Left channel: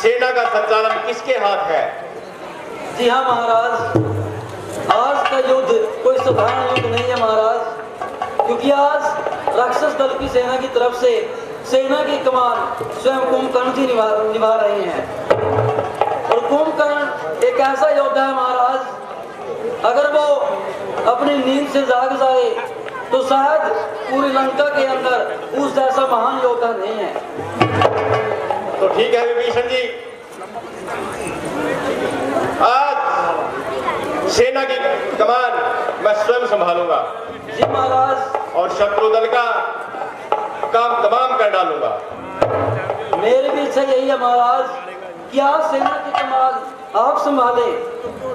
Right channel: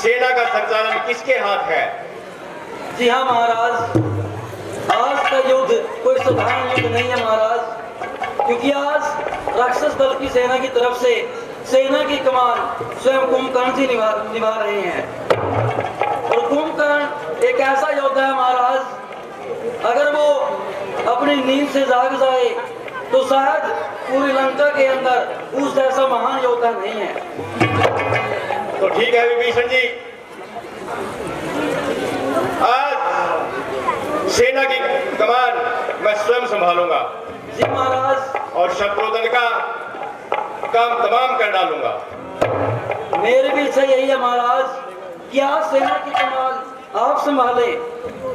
सेना का संचालन किसके हाथ है? जी हाँ महाराज, आज का युद्ध कोई साधारण युद्ध नहीं है महाराज, क्योंकि आज राक्षस दल की सेना की तरफ से सेना की कमान स्वयं कुंभकर्ण जी निभा रहे हैं। और कुंभकर्ण एक ऐसा योद्धा है महाराज, अगर वो अपनी नींद से जाग जाए तो शायद पूरी लंका के अंदर उस जैसा महान योद्धा नहीं है। तो ठीक है विभीषण जी, आज सेना की कमान मैं स्वयं संभालूंगा। जी महाराज। और शत्रुदल का काम तमाम कर डालूंगा। मेरे भी इच्छा यही है महाराज कि आज सेना की कमान आप संभाले,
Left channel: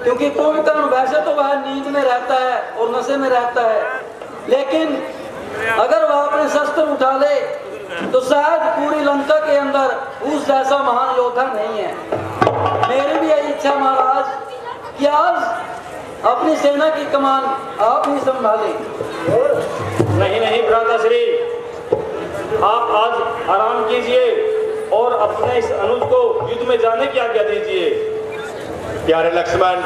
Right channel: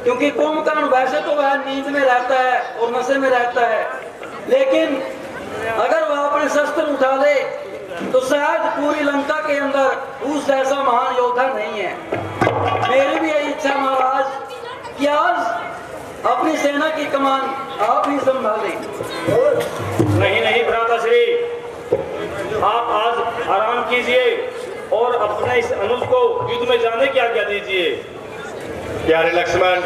क्योंकि कुंभकर्ण वैसे तो वह नींद में रहता है और नशे में रहता है, लेकिन अगर वह अपने शस्त्र उठा ले तो शायद पूरी लंका के अंदर उस जैसा महान योद्धा नहीं है। मेरी भी यही इच्छा महाराज कि आज अपनी सेना की कमान आप ही संभाले। नहीं नहीं भ्राताश्री, आप आज आराम कीजिए और अपने इस अनुज को युद्ध में जाने की आज्ञा दीजिए। प्यारे लक्ष्मण,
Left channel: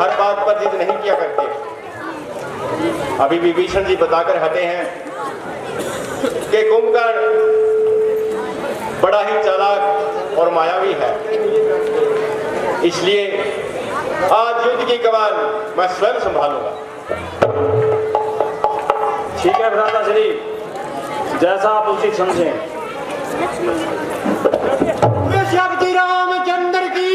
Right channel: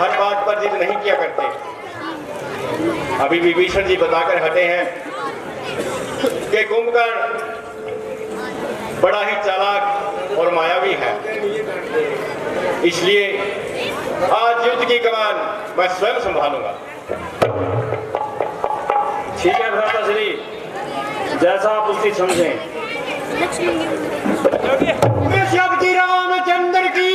हर बात पर जिद नहीं किया करते। अभी विभीषण जी बताकर हटे हैं कि कुंभकर्ण बड़ा ही चालाक और मायावी है, इसलिए आज युद्ध की कमान मैं स्वयं संभालूंगा। ठीक है भ्राताश्री, जैसा आप उचित समझें। श्री रामचंद्र की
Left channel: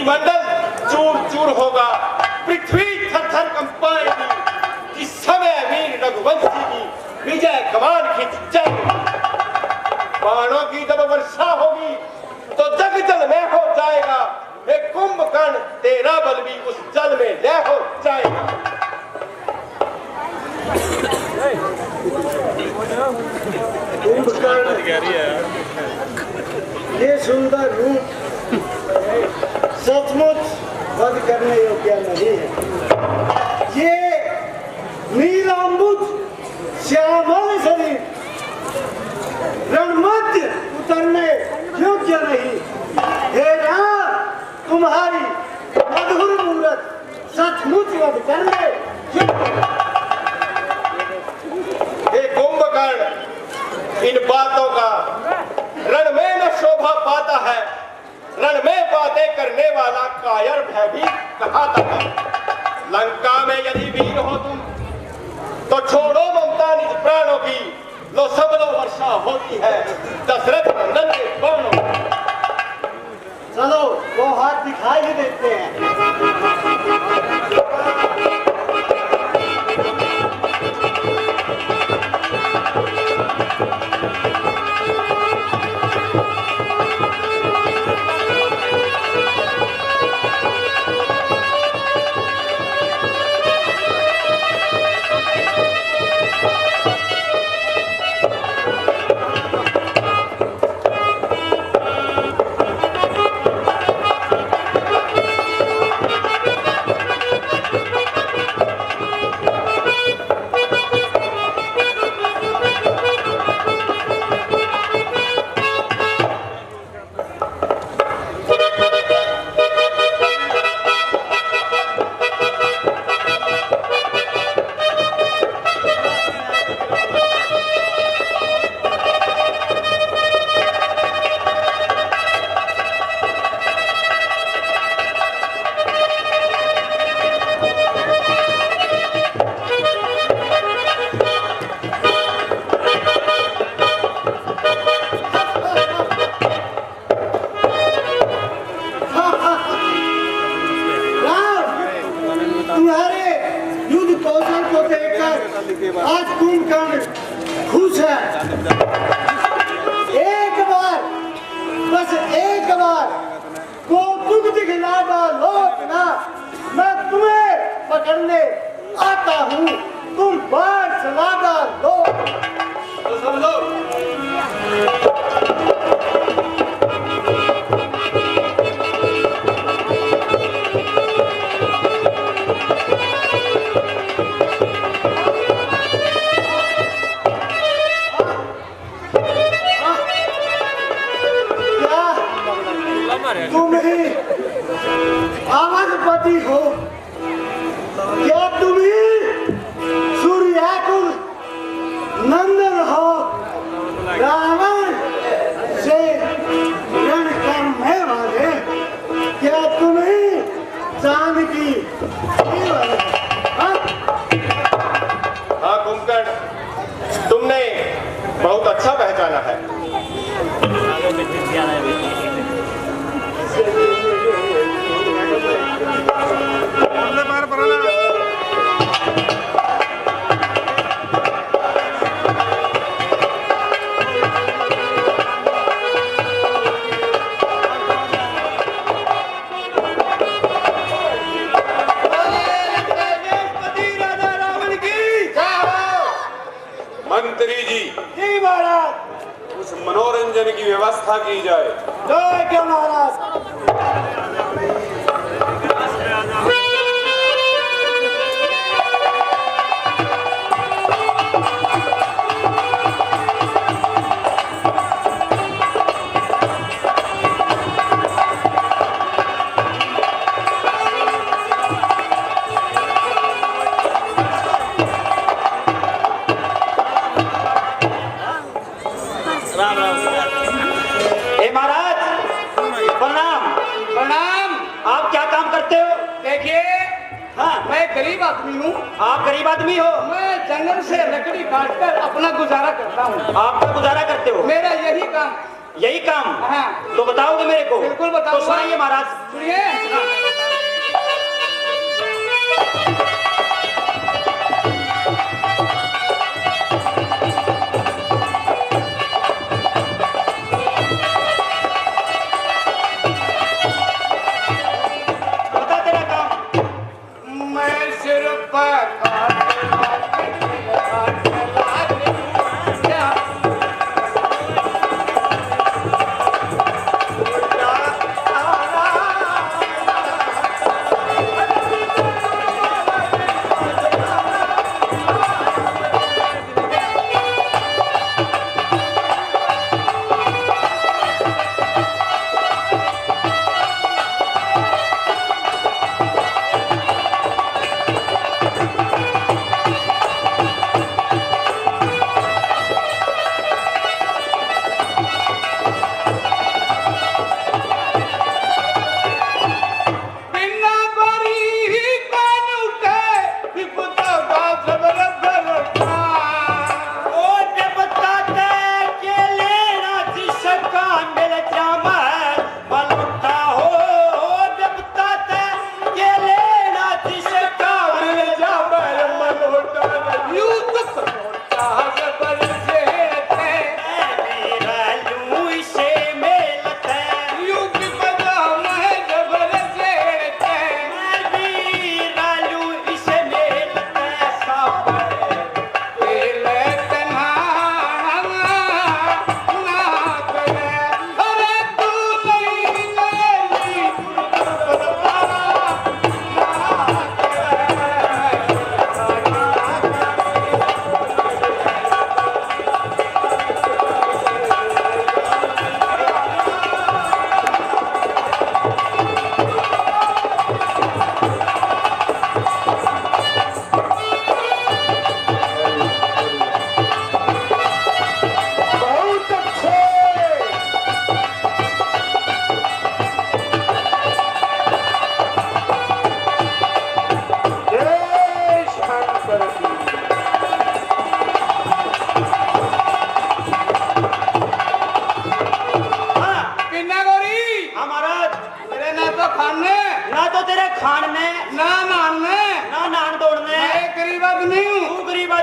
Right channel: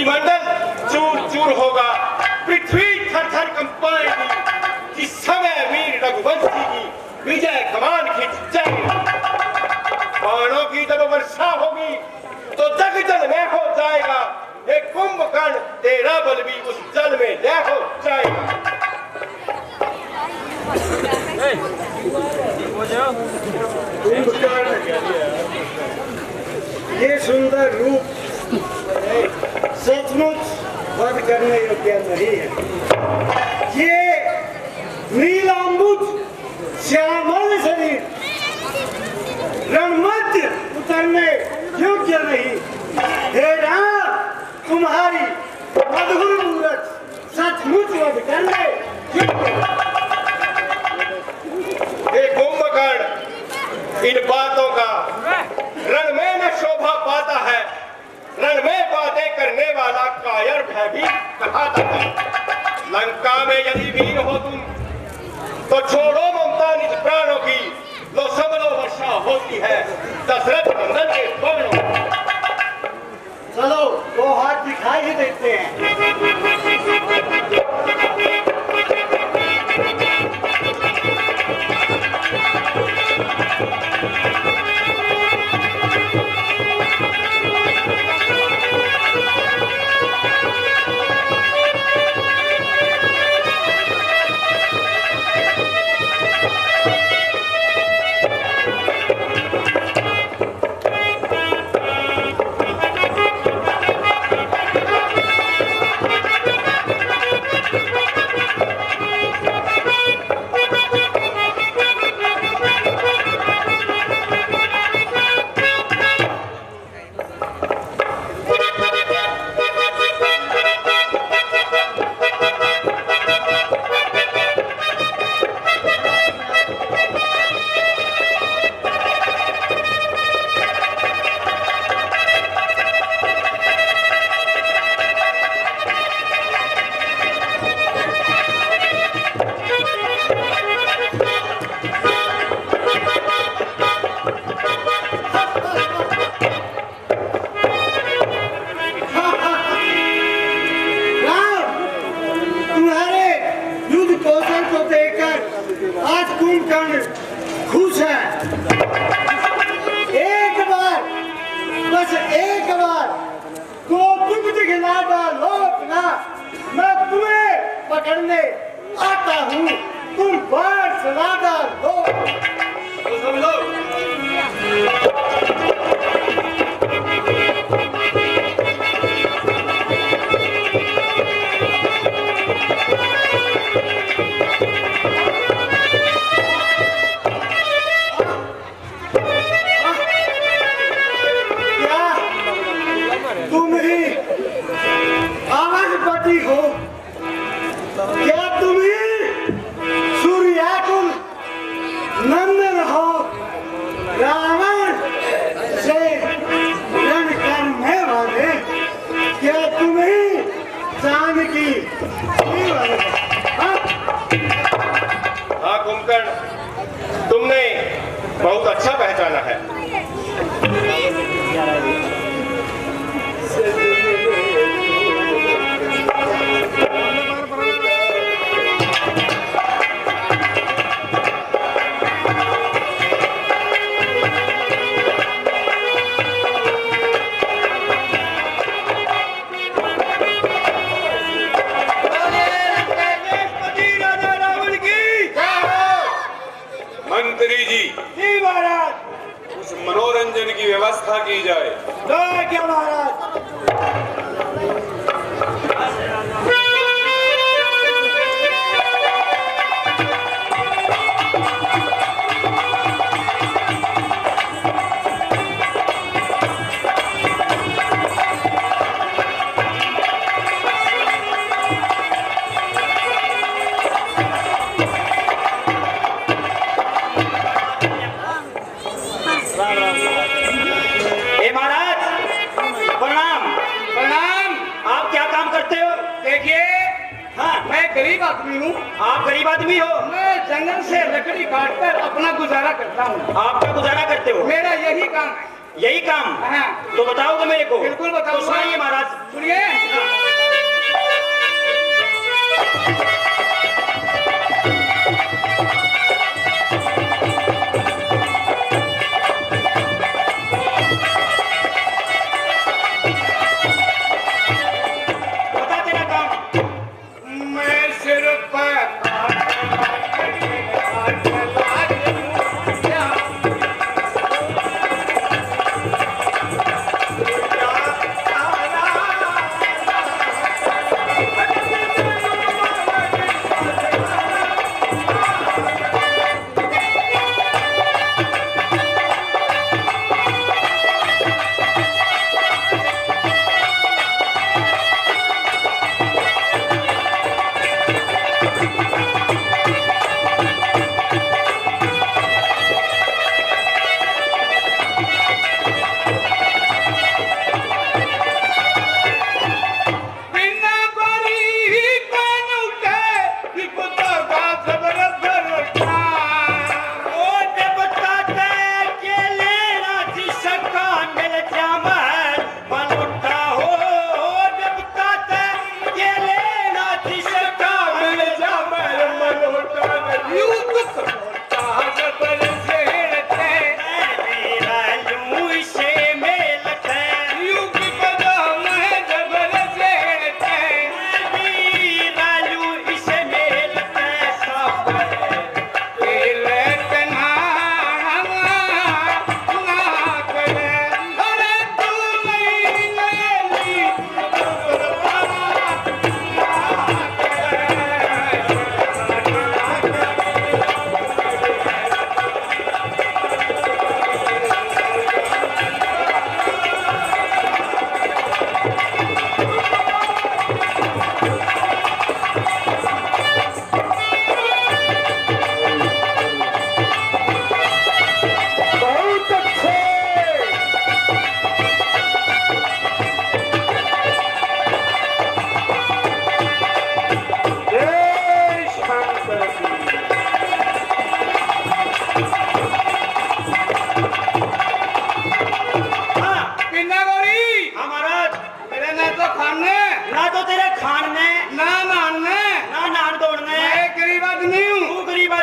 मंडल चूर चूर होगा, पृथ्वी थर थर कंपाएगी, जिस समय वीर रघुवंशी की विजय कमान खींच जाएगी। बाणों की जब वर्षा होगी तो जग जल में हो जाएगा। हे कुंभकर्ण, तेरा बल भी उस जल में लय हो जाएगा। कुंभकर्ण ये सुंदर रूप सचमुच वध करने योग्य नहीं है। ये नीलांबुज श्यामल शरीर रणमध्य उतरने योग्य नहीं। हे राम, तुम्हारी मधुर मूरत सचमुच वध करने योग्य। हे कुंभकर्ण, इन बातों का रण में न शोभा पाता है। रण में बातें करने वाला कायर भी कहाता है। लंका में यदि वीर हो तुम तो छोड़ो ममता निज प्राणों की, लो सब लो वर्षा होती है दशरथ नंदन के बाणों। चलो वो हाथ दिखाई ही देते हैं। आज कुंभकर्ण खुश है। एक बार, बस एक बार कौतुक दिखला डालो ना, मैं तुम्हें पकड़ने आता हूँ, तुम बाढ़ चला डालो। तो सुन लो, तुम ही आवाजपति हो क्या? तुम ही सूर्याकुल नंदन हो? रावण से रण करने वाले क्या तुम ही जानकी वाले? हाँ कुंभकर्ण, तुमने बहुत अच्छा पहचाना है। मंत्री जी, जी महाराज। उस मनोरंजन की व्यवस्था की जाए। जय क्या महाराज। ए महाराज, प्रणाम। प्रणाम। आप क्या काम करते हो? देखिए, हाँ, मैं गरीब आदमी हूँ। आप गरीब आदमी हो? मैं जंगल से लकड़ी काटकर अपना गुजारा करता हूँ। आपका गुजारा करते हो? मेरा यही काम है। यही काम? हाँ। तो बताओगे मेरे को? बिल्कुल बताऊंगा। तो सुनाइए महाराज। सुनिए। बता तेरा काम। मैं सिर्फ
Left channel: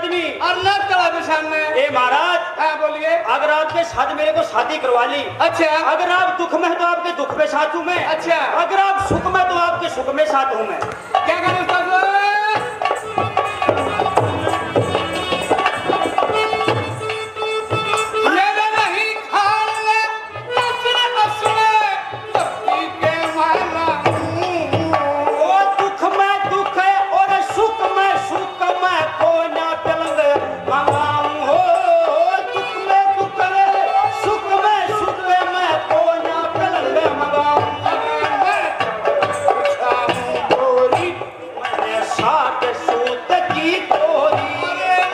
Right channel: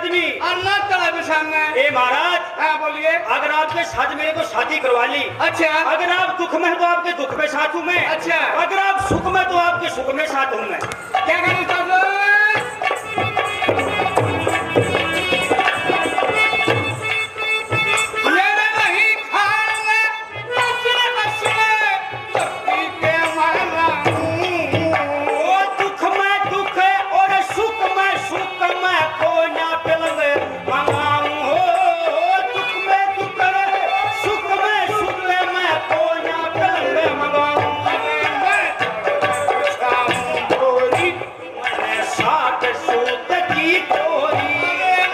आदमी और न चढ़ा निशान में। ए महाराज, हाँ बोलिए। अगर आपके साथ मेरे को शादी करवा ली, अच्छा। अगर आप दुख में हैं तो आपके दुख में साथ हूँ मैं, अच्छा। अगर आप सुख में तो आपके सुख में साथ हूँ मैं। क्या करें उस्ताद लोग? मेरे नहीं खाने नचने बसने पति के माला हूँ। ओ दुख में दुख है और सुख में को ना पलंग मंगाऊं हो। दुख में दुख है, सुख में को ना पलंग मंगाऊं। गोरी मैंने साथ सूत की गोरी,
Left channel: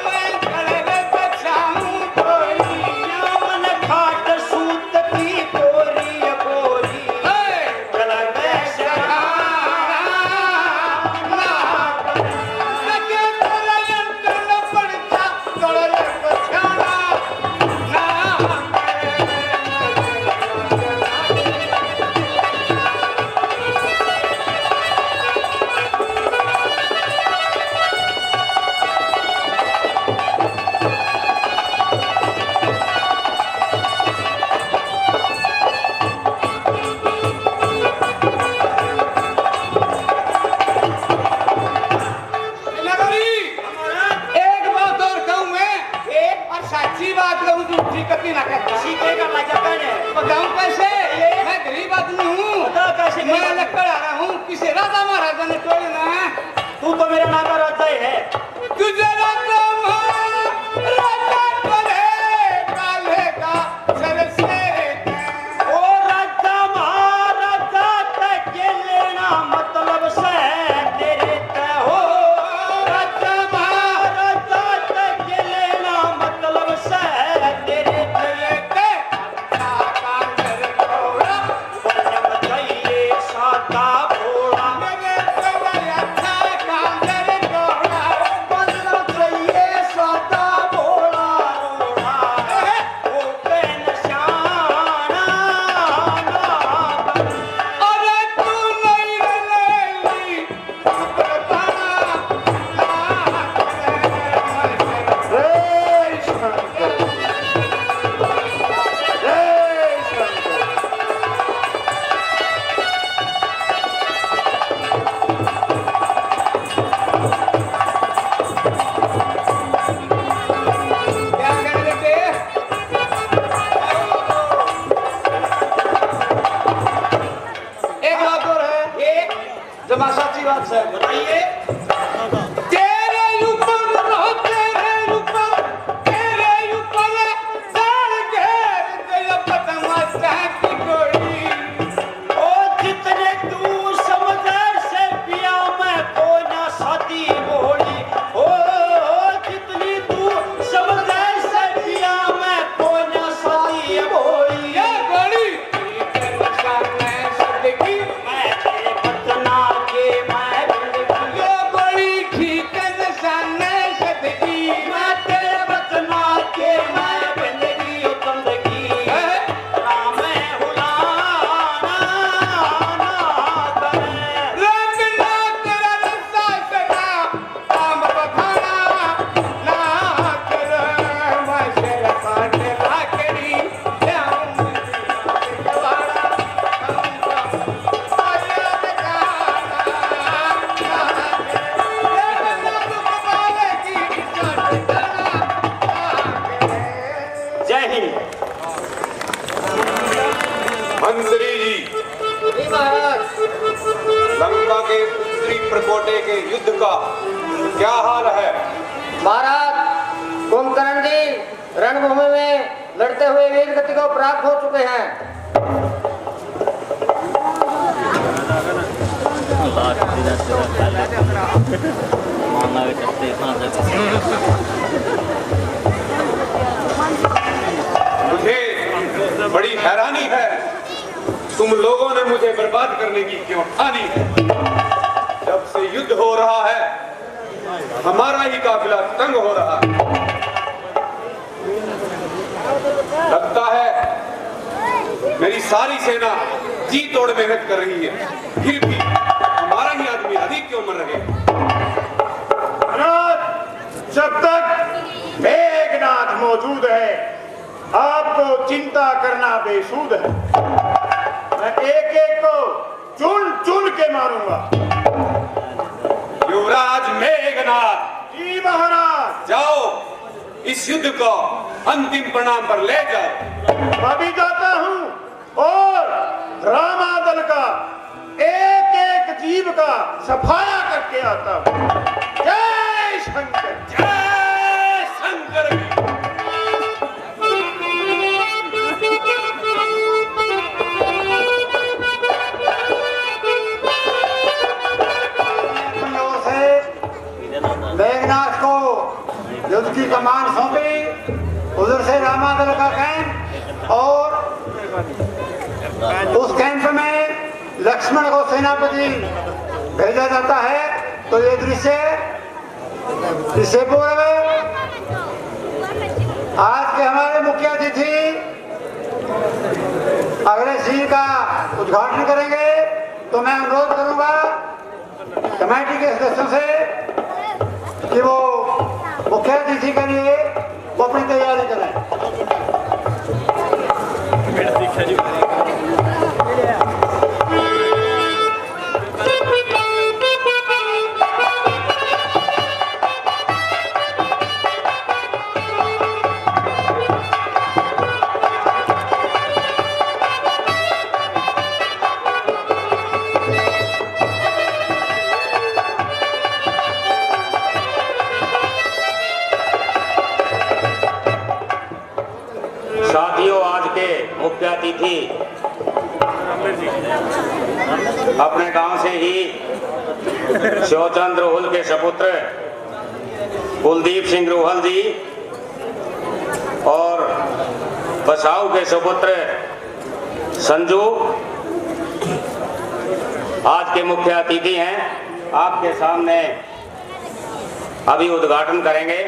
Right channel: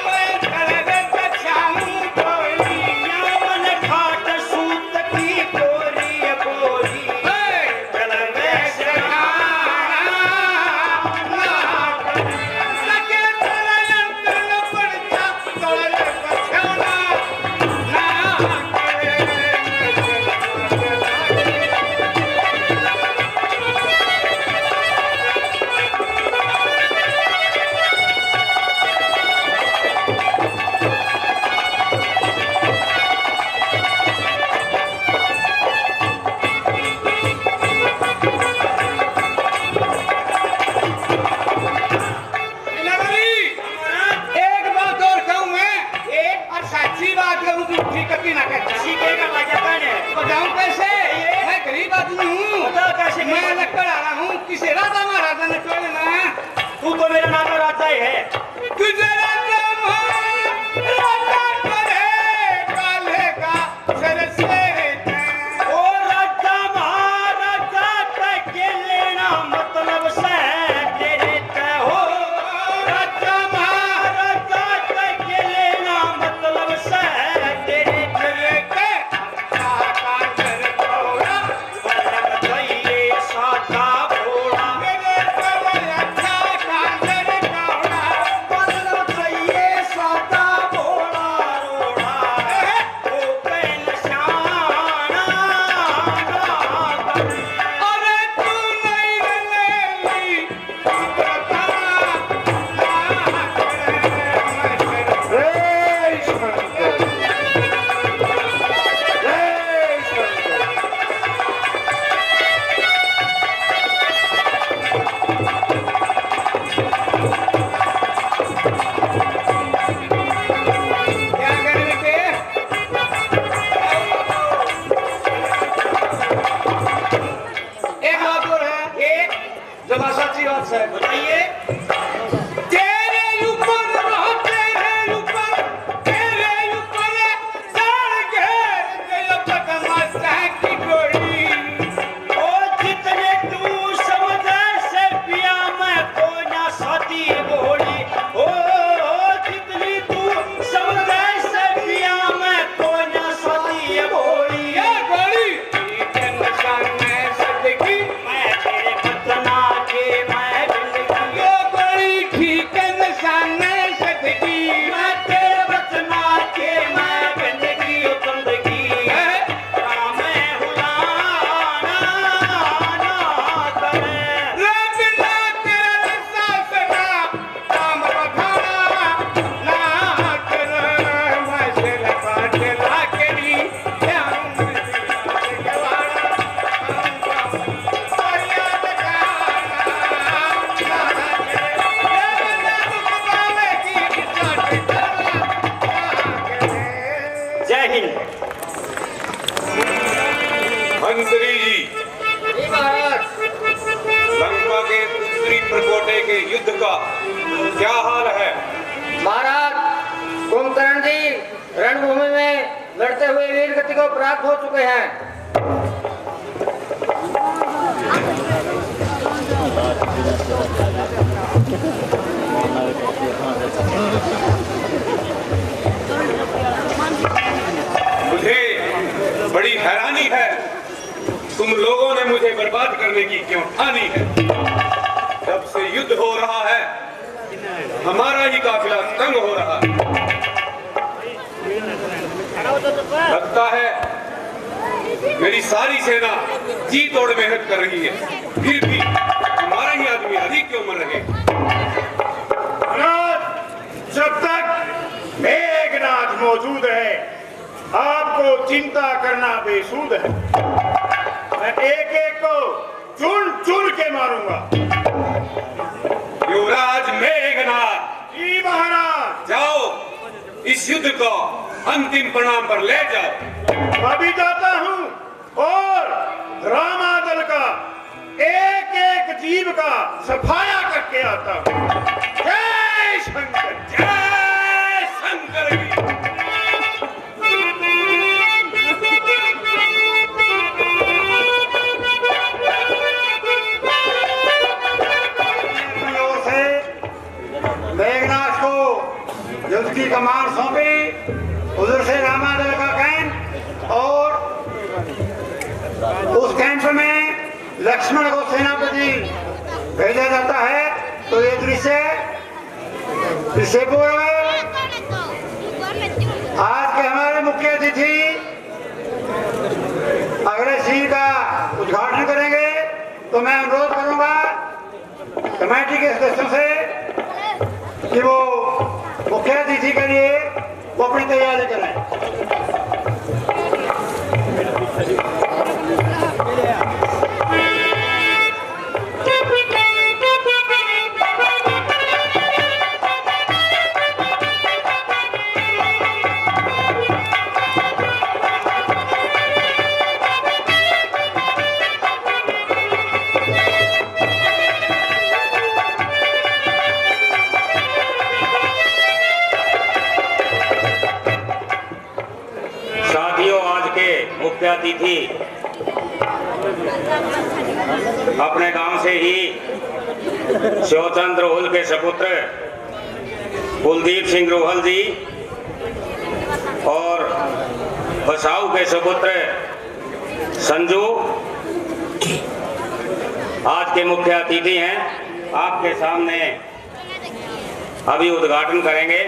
मैं घर बचाऊं गोरी। या मैंने खाट सूत की गोरी गोरी। चल मैं एक बात और कहूं मैं, एक और सच्ची बात कहूं तो ठीक कभी ना कहता। सीखेगा मजा है। बताऊं कैसे? मैं गरीब आदमी हूँ। बता कैसे? मैं लकड़ आ रहा हूँ, किसी राजा महाराजा ने छोड़ना है। तू तो मेरा नाता राजा ही है। गुजरात राजा करे काले का सर से ओ राजा महाराजा के लेना मतलब से तेरे ते हो। राजा महाराजा के लेना मतलब से तेरे ते। बलम चाहिए सादा भोला, बलम चाहिए सादा भोला रोड़ा। ओ पे निशाना अरे तू नहीं रलेली क्या करें बेटे? एक बात और है, एक जो मैं सच्ची बात है। बताइए। तेरे ऊपर रहो, तेरे ऊपर साड़ घेर गया बदमाश की गोली। ओ जितने तू समझे से पिया मैं को ना साथी बोली। ओ जितनी तू समझे से पिया मैं को ना साथी बोली। ये गोली ठीक है निशान में सदकी। मैं तेरे बतना के मैं जिंदगी, ये गोली ठीक है निशान में सदकी। मैं तेरे बतना के मैं जिंदगी जिंदगी। राम हुलाना ना करे। रे बिना तेरा रस्सा सदा काम बखाना ना कर। मैं शेर काट ला करी जाऊं दिलवाड़ा। जय हिंद। मंत्री जी, लंका के उत्तरी प्रकोटे के युद्ध का क्या हाल है? महाराज कुंभकर्ण जी रणभूमि में लड़ते हुए वीर गति को प्राप्त हो चुके हैं। मुझे बड़ी हैरानी है, तुम लोगों ने मुझे बर्बाद करने की क्यों ठानी है? जब से युद्ध हो रहा है हमारा ही काफिला तंग हो रहा है। लगता है मेरी सारी सेना जी तोड़ मेहनत कर रही है, फिर भी हमारे ही आदमी अधिक क्यों मर रहे? महाराज, जब तक को चिंता करना बेसूद है। मैं एक एक को चुन चुन के मारूंगा। युवराज मेघनाथ, जी महाराज। जाओ इस युद्ध को अंतिम परिणाम पर ले जाओ। अभी जाता हूं और रामादल का एक एक जीव का सफाया करके आता हूं। जय शंकर, जय शंकर की। मेघनाथ को युद्ध की कमान सौंपी, उधर से रामादल का कैंप और उस कैंप में लक्ष्मण को सेनापति भेजा जाता है। तो ये दृश्य पूर्व आज के हमारे मुख्य अतिथि अगले सीन का उद्घाटन करेंगे। तो मैं अनुरोध करूंगा कमेटी के सदस्यों से कि वो मुख्य अतिथि के लिए वो अपनी तैयारी करें। साथियों, आज के मुख्य अतिथि अपने गांव से ही शिवचंद्र रोहल के सपुत्र कुलदीप सिंह रोहल जी और बसाऊ के सपुत्र संजू आज के मुख्य अतिथि हैं। आपके सामने अभी उद्घाटन करेंगे।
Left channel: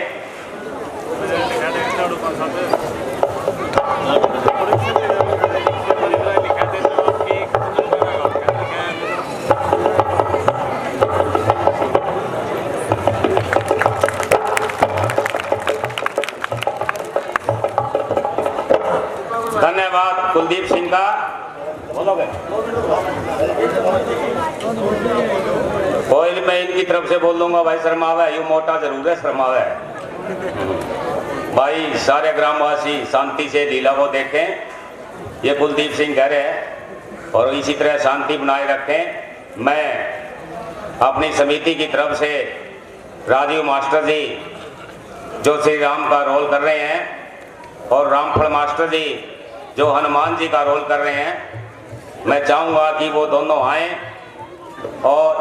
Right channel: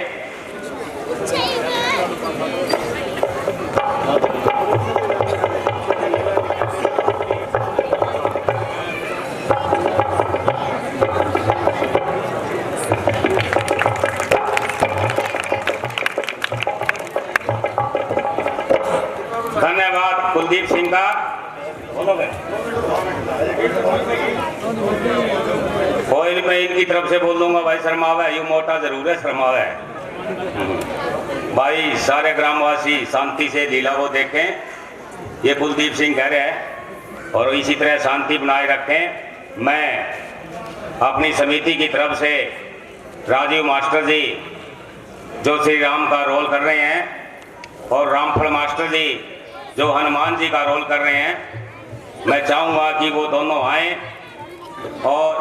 धन्यवाद कुलदीप सिंह का। बोलोगे? कोई नहीं, मैं इनकी तरफ से बोल दूंगा। भाई शर्मावे, ये मोटा जरूर है, शर्मावे। भाई सारे ग्रामवासी शांति से लीला को देखें। ये कुलदीप सिंह घर है और इसी तरह शांति बनाए रखें। मैं अपनी समिति की तरफ से राजीव मास्टर जी जो श्री राम का रोल कर रहे हैं और रामफल मास्टर जी जो हनुमान जी का रोल कर रहे हैं, मैं चाहूँगा कि वो दोनों आएं और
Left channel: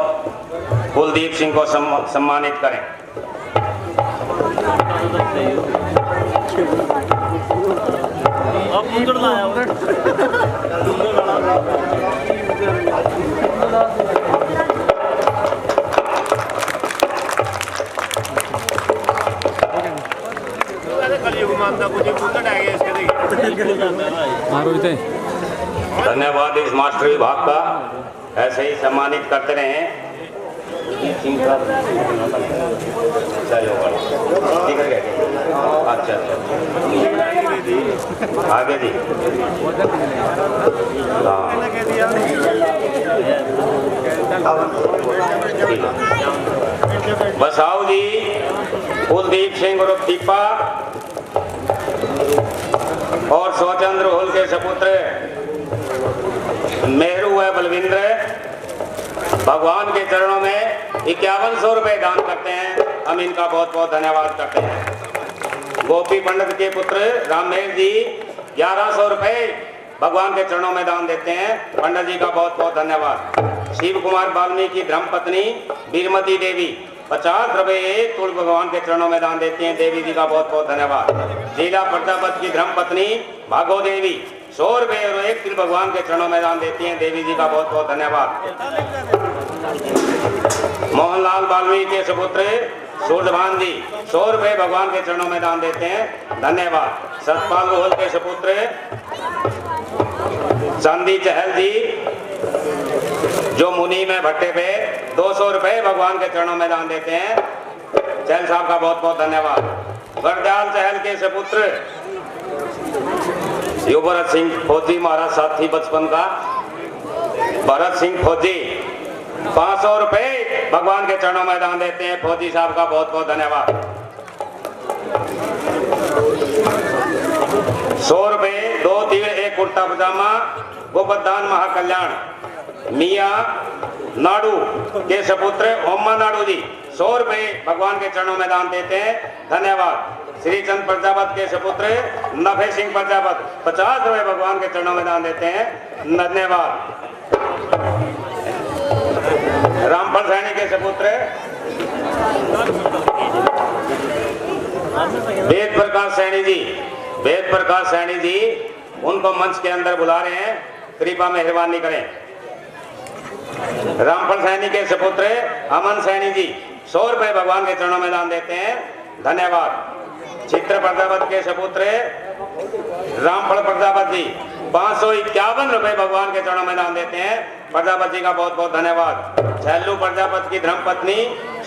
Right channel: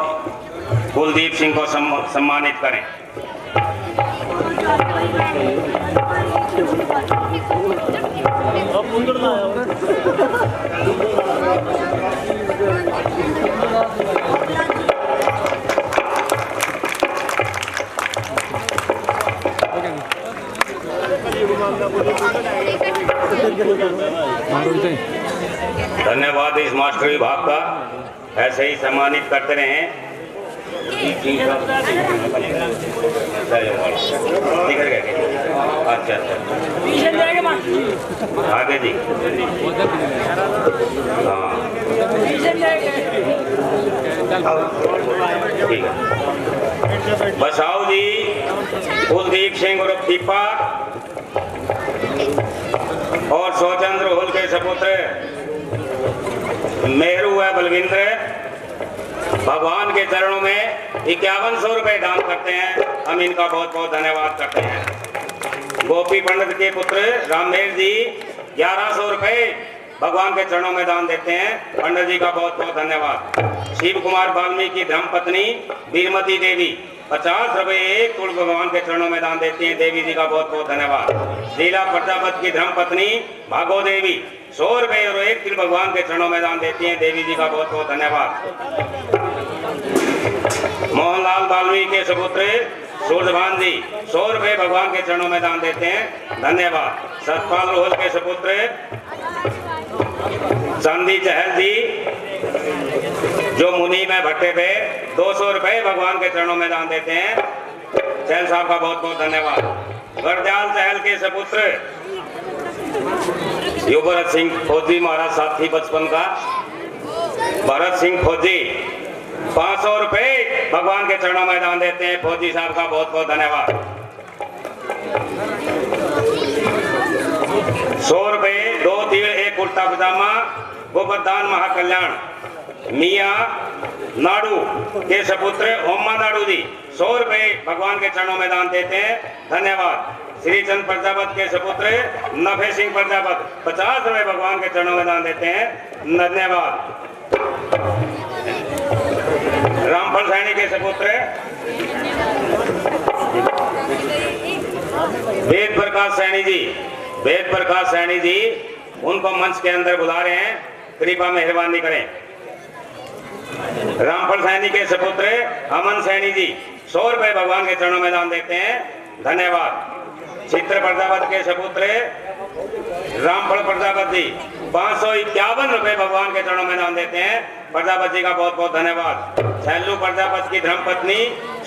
कुलदीप सिंह को सम्मानित करें। धन्यवाद इस मास्टर विभाग का, ऐसे ही सम्मानित करते रहें। अच्छा आगे जी। हाँ ठीक है। बसाऊ जी कुलदीप सिंह और दीपा और शिवचंद्र रोहल के सपुत्र मेहरू है बलविंद्र भगवान के चरणों में 5100 रुपए दान करते हैं। हम इनका बहुत बहुत धन्यवाद करते हैं। गोपी पंडित के पुत्र रामेश जी 1100 रुपए भगवान के चरणों में दान देते हैं। पंडित जी का बहुत बहुत धन्यवाद। शिव कुमार वाल्मीकि धर्मपत्नी बीरमती देवी 50 रुपए एक तुल भगवान के चरणों में दान देते हैं। देवी जी का बहुत बहुत धन्यवाद। लीला प्रजापत की धर्मपत्नी भागो देवी 100 रुपए और एक तिल भगवान के चरणों में दान देती हैं। देवी जी का बहुत बहुत धन्यवाद। मोहनलाल वाल्मीकि के सपुत्र सूर्यभान जी 100 रुपए भगवान के चरणों में दान देते हैं। धन्यवाद। सतपाल रोहल के सपुत्र चांदी चहल जी जो मुनि में भट्टे पे 200 रुपए भगवान के चरणों में दान देते हैं। चहल साहब का बहुत बहुत धन्यवाद। वरदाल चहल के सपुत्र यो भरत सिंह फौजी महाराज साथी बचपन का भरत सिंह फौजी 500 रुपए भगवान के चरणों में दान देते हैं। फौजी साहब का बहुत बहुत धन्यवाद। 100 रुपए 2 तीड़ 1 कुर्ता पजामा गोवर्धन महाकल्याण मियाँ नाडू के सपुत्र ओमा नाडू जी 100 रुपए भगवान के चरणों में दान देते हैं। धन्यवाद। श्री चंद प्रजापत के सपुत्र नफे सिंह प्रजापत 50 रुपए भगवान के चरणों में दान देते हैं। धन्यवाद। रामफल सैनी के सपुत्र वेद प्रकाश सैनी जी उनको मंच के अंदर बुला रहे हैं, कृपा मेहरबानी करें। रामफल सैनी के सपुत्र अमन सैनी जी 100 रुपए भगवान के चरणों में दान देते हैं। धन्यवाद। चित्र प्रजापत के सपुत्र रामफल प्रजापत जी 551 रुपए भगवान के चरणों में दान देते हैं। प्रजापत जी का बहुत बहुत धन्यवाद। छैलू प्रजापत की धर्मपत्नी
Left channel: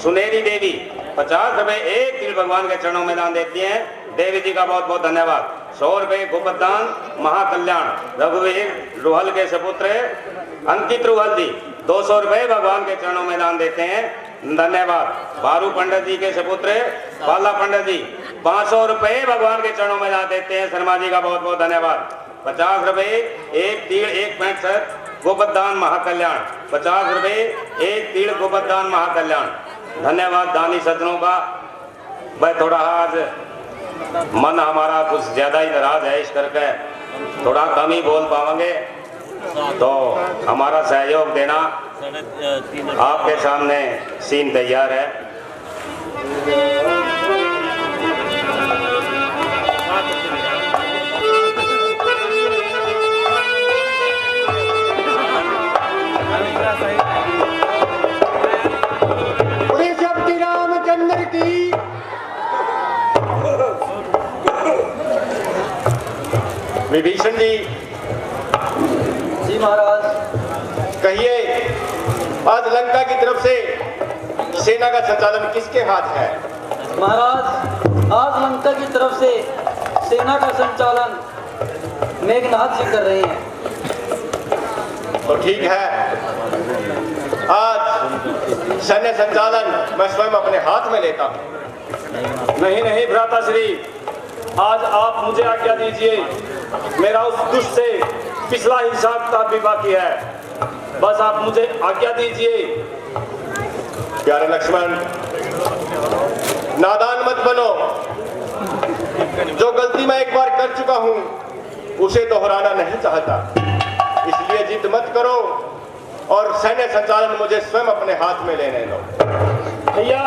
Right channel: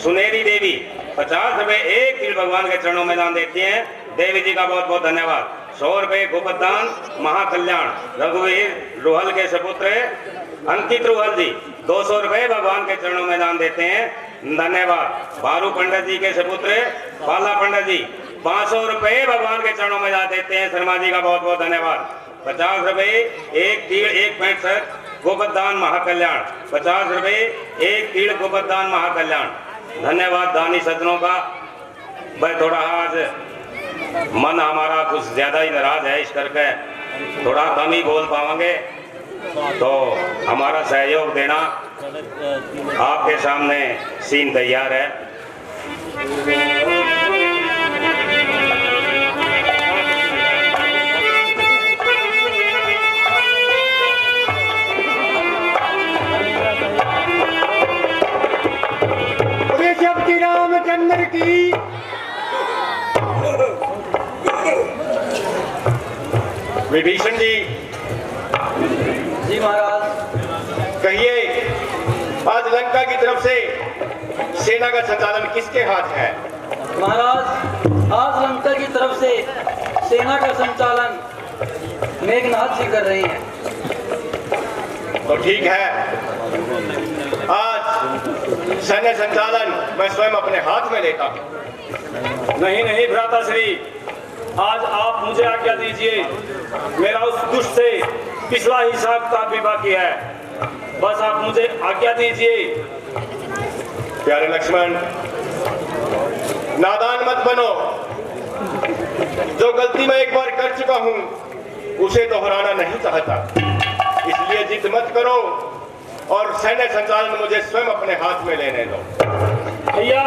सुनेरी देवी 50 रुपए 1 तीड़ भगवान के चरणों में दान देती हैं। देवी जी का बहुत बहुत धन्यवाद। 100 रुपए गोवर्धन महाकल्याण रघुवीर रुहल के सपुत्र अंकित रुहल जी 200 रुपए भगवान के चरणों में दान देते हैं। धन्यवाद। भारू पंडित जी के सपुत्र बाला पंडित जी 500 रुपए भगवान के चरणों में दान देते हैं। शर्मा जी का बहुत बहुत धन्यवाद। 50 रुपए 1 तीड़ 1 पैंट सर गोवर्धन महाकल्याण 50 रुपए 1 तीड़ गोवर्धन महाकल्याण। धन्यवाद दानी सज्जनों का। भाई थोड़ा आज मन हमारा कुछ ज्यादा ही नाराज है, इस करके थोड़ा कम ही बोल पाएंगे, तो हमारा सहयोग देना। आपके सामने सीन तैयार है। रामचंद्र की विभीषण जी महाराज कहिए, आज लंका की तरफ से सेना का संचालन किसके हाथ है? महाराज आज लंका की तरफ से सेना का संचालन मेघनाथ जी कर रहे हैं। तो ठीक है, आज सैन्य संचालन मैं स्वयं अपने हाथ में लेता हूँ। नहीं नहीं भ्राताश्री, आज आप मुझे आज्ञा दीजिए। मेरा उस दुष्ट से पिछला हिसाब किताब भी बाकी है, बस आप मुझे आज्ञा दीजिए। प्यारे लक्ष्मण, नादान मत बनो। जो गलती मैं एक बार कर चुका हूं उसे दोहराना नहीं चाहता, इसलिए जिद मत करो और सैन्य संचालन मुझे स्वयं अपने हाथ में लेने दो। भैया,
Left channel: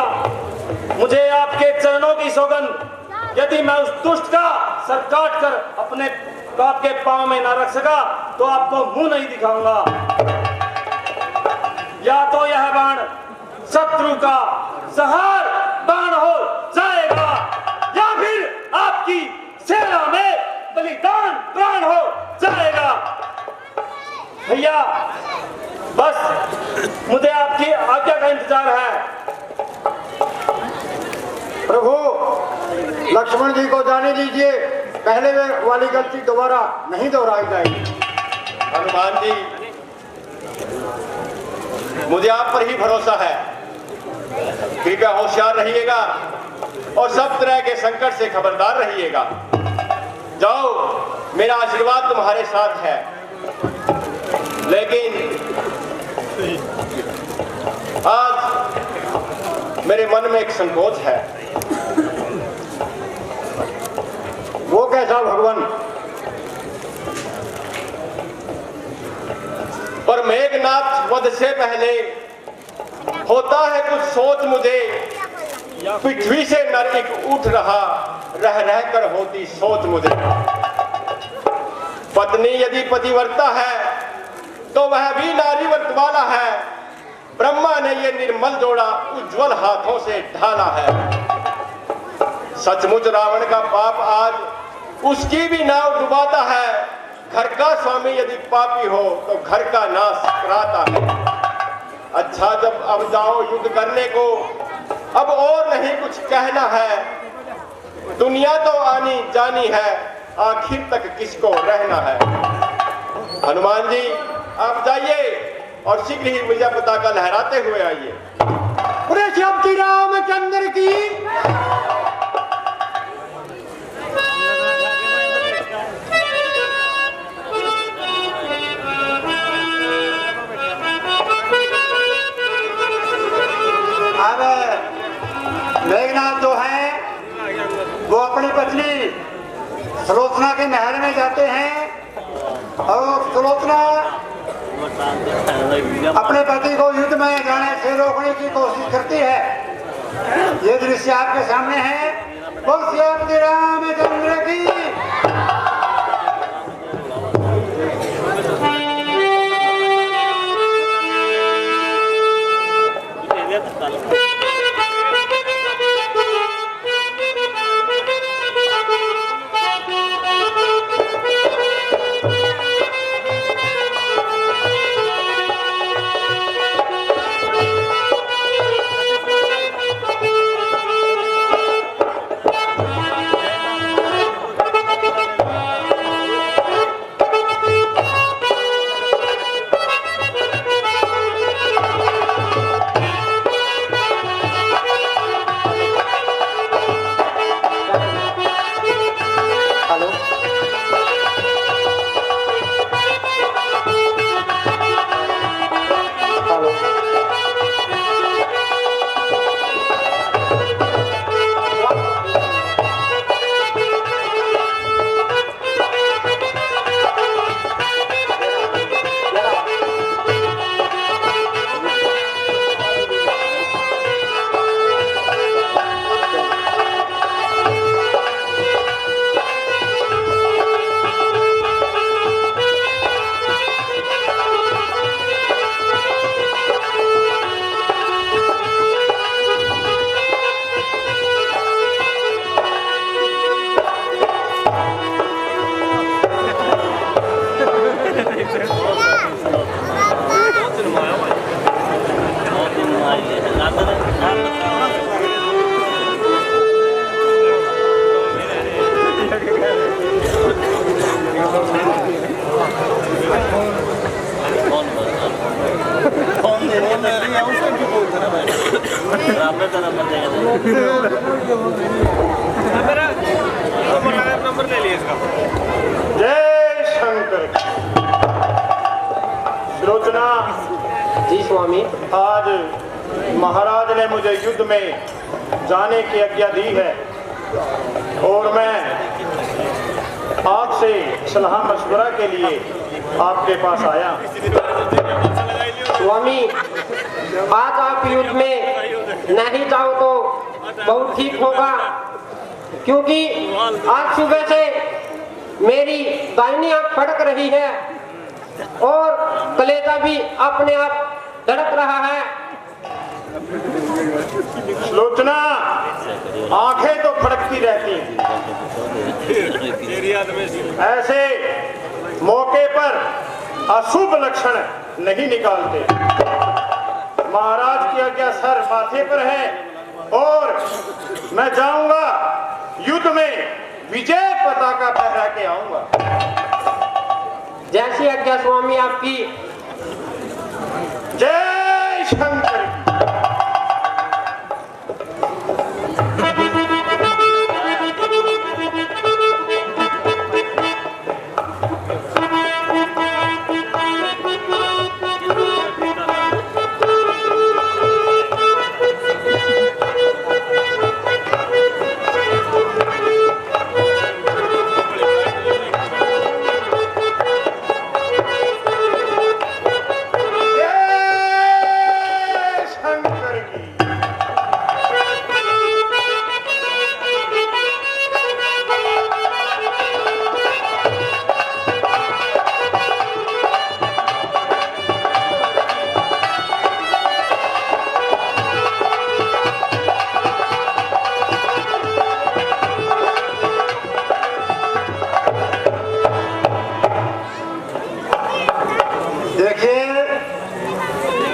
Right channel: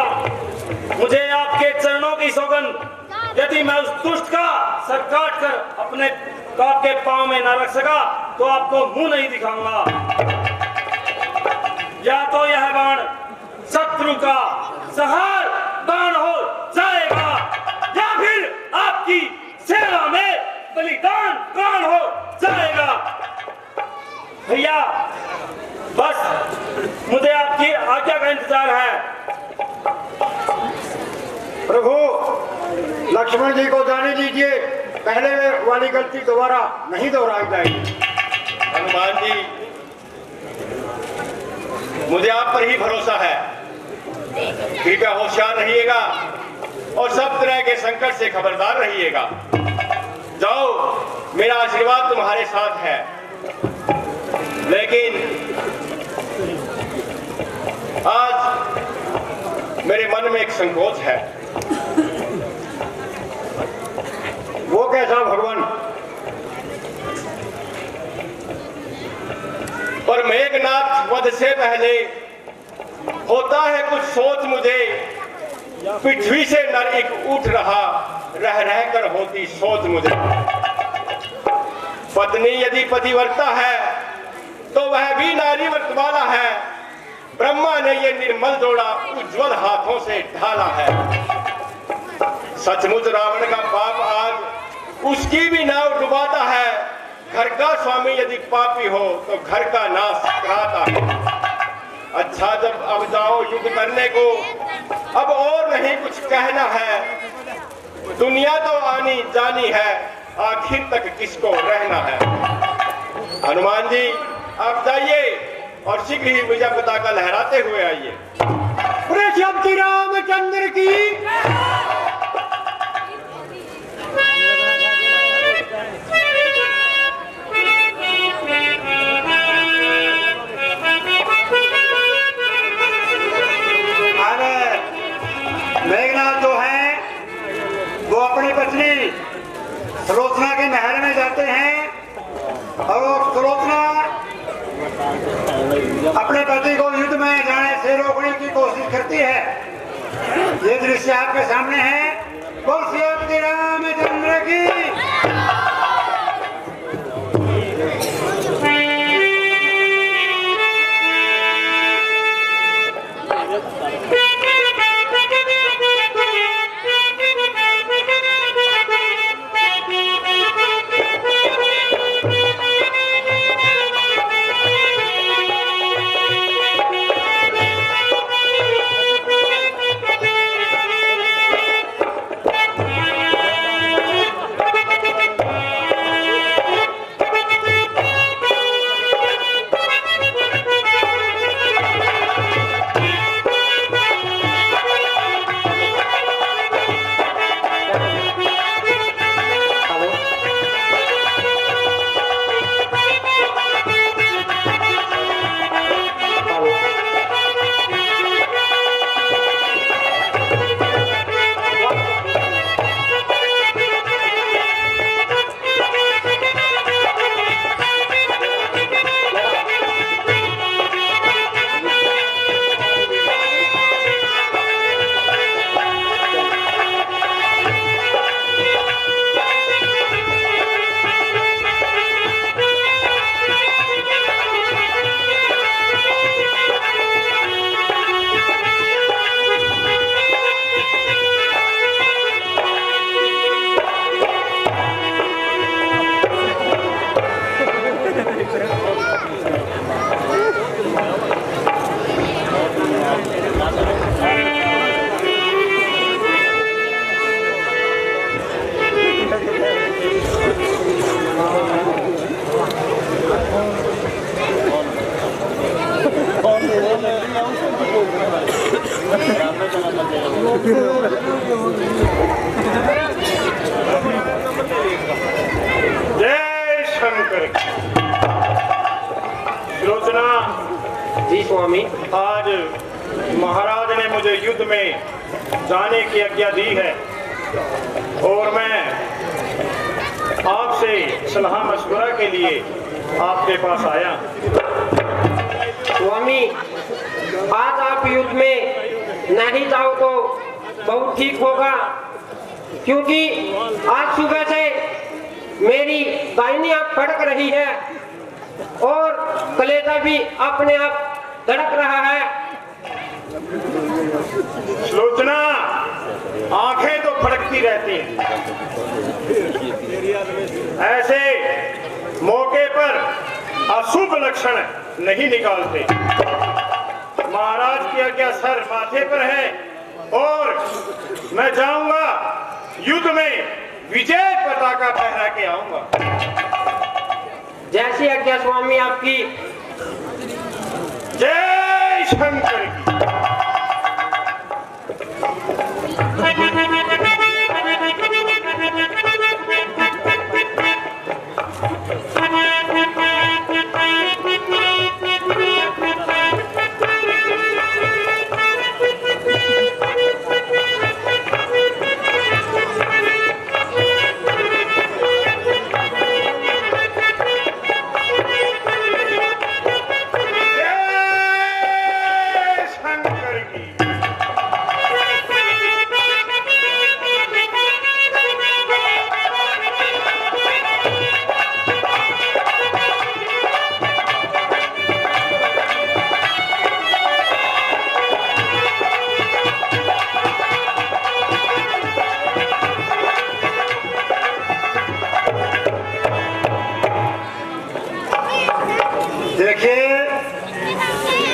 मुझे आपके चरणों की सौगंध, यदि मैं उस दुष्ट का सर काट कर अपने बाप के पांव में न रख सका तो आपको मुंह नहीं दिखाऊंगा। या तो यह बाण शत्रु का संहार बाण हो जाएगा, या फिर आपकी सेना में बलिदान प्राण हो जाएगा। भैया, बस मुझे आपकी आज्ञा का इंतजार है। प्रभु, लक्ष्मण जी को जाने दीजिए, पहले वाली गलती दोबारा नहीं दोहराई जाएगी। हनुमान जी, मुझे आप पर ही भरोसा है। कृपया होशियार रहिएगा और सब तरह के संकट से खबरदार रहिएगा। जाओ, मेरा आशीर्वाद तुम्हारे साथ है, लेकिन आज मेरे मन में एक संकोच है। वो कैसा भगवान? पर मेघनाथ वध से पहले होता है कुछ सोच मुझे। पृथ्वी से नर एक उठ रहा, रह रह कर होती सोच मुझे। पत्नी यदि पतिव्रता है तो वह भी नारी व्रत वाला है। ब्रह्मा ने ये निर्मल जोड़ा उज्जवल हाथों से ढाला है। सचमुच रावण का पाप आज उसकी भी नाव डुबाता है। घर का स्वामी यदि पापी हो तो घर का नाश कराता है। अच्छा, जब अब जाओ युद्ध करने को, अब और नहीं कुछ कहना है। दुनिया तो आनी जानी है, आखिर तक किसको रहना है। हनुमान जी आप जाइए और शीघ्र ही विजय पताका लहराते हुए आइए। श्री रामचंद्र की अब मेघनाथ जो है वो अपनी पत्नी सुलोचना के महल में जाते हैं और सुलोचना अपने पति को युद्ध में जाने से रोकने की कोशिश करती है। ये दृश्य आपके सामने है। बोल श्री रामचंद्र की। जय शंकर। सुलोचना जी स्वामी। आज महाराज ने मुझे युद्ध में जाने की आज्ञा दी है और मैं आपसे सलाह मशवरा के लिए आपके पास आया। स्वामी, आज आप युद्ध में नहीं जाओ तो बहुत ठीक होगा, क्योंकि आज सुबह से मेरी दाहिनी आंख फड़क रही है और कलेजा भी अपने आप धड़क रहा है। सुलोचना, आंखें तो फड़कती रहती हैं, ऐसे मौके पर अशुभ लक्षण नहीं निकालते। महाराज की आज्ञा सर माथे पर है और मैं जाऊंगा युद्ध में विजय पताका फहरा के आऊंगा। जैसी आज्ञा स्वामी आपकी। जय शंकर की।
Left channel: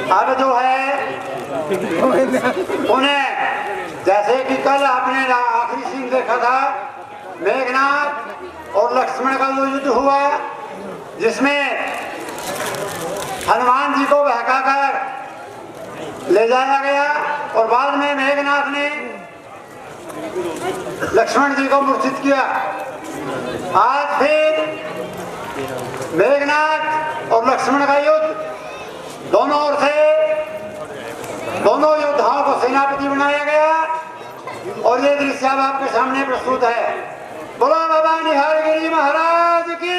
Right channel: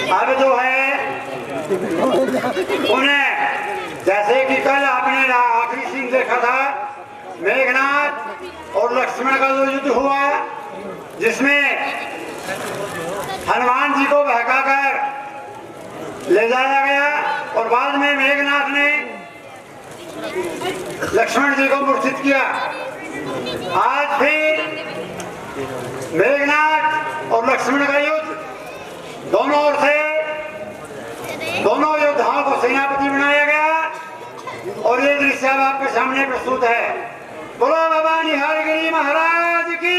अब जो है उन्हें, जैसे कि कल आपने आखिरी सीन देखा था, मेघनाथ और लक्ष्मण का जो युद्ध हुआ, जिसमें हनुमान जी को बहकाकर ले जाया गया और बाद में मेघनाथ ने लक्ष्मण जी को मूर्छित किया। आज फिर मेघनाथ और लक्ष्मण का युद्ध, दोनों ओर से दोनों योद्धाओं को सेनापति बनाया गया और ये दृश्य अब आपके सामने प्रस्तुत है। बोलो बाबा निहारगिरी महाराज की।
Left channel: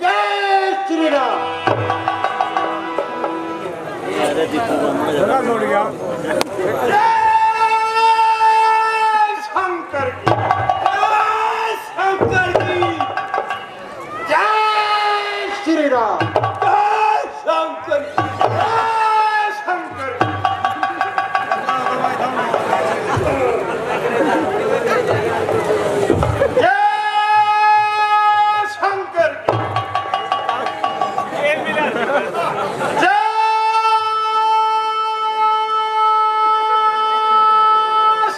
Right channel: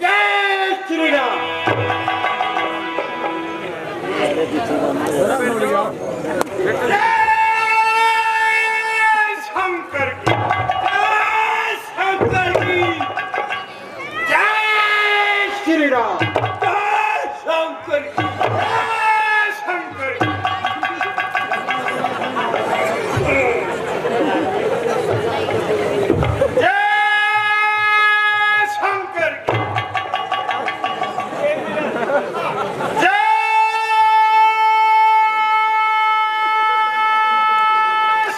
जय श्री राम। श्री राम। जय शंकर। जय शंकर। जय शंकर। जय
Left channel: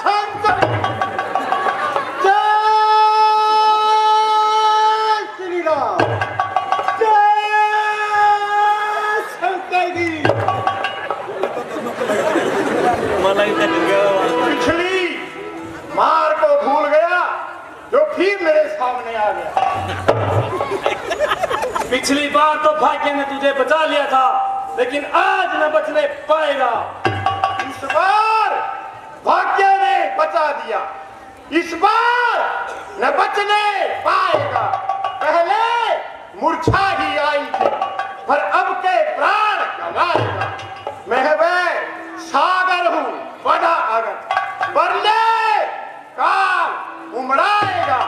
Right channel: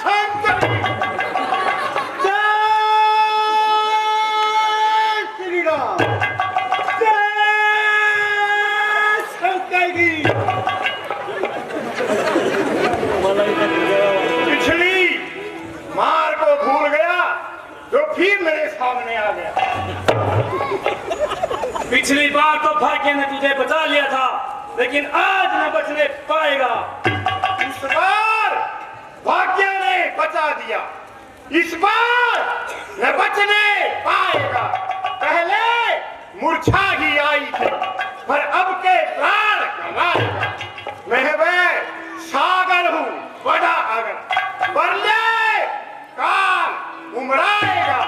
शंकर। जय श्री राम। पिछली मार को भूल गया जो फिर मेरे सामने आ गया। पिछली बार तो भाग्य ने तुझे बचा लिया था, लेकिन आज न बचने पाएगा। इस बार भाग्य ने बचा दिया, इस बार न बचने पाएगा। पहले मूर्छा ही आई थी, पर अब के प्राण गंवाएगा। मैं वह सागर हूँ बड़ा अगर, पर ले काल उमड़ाएगा।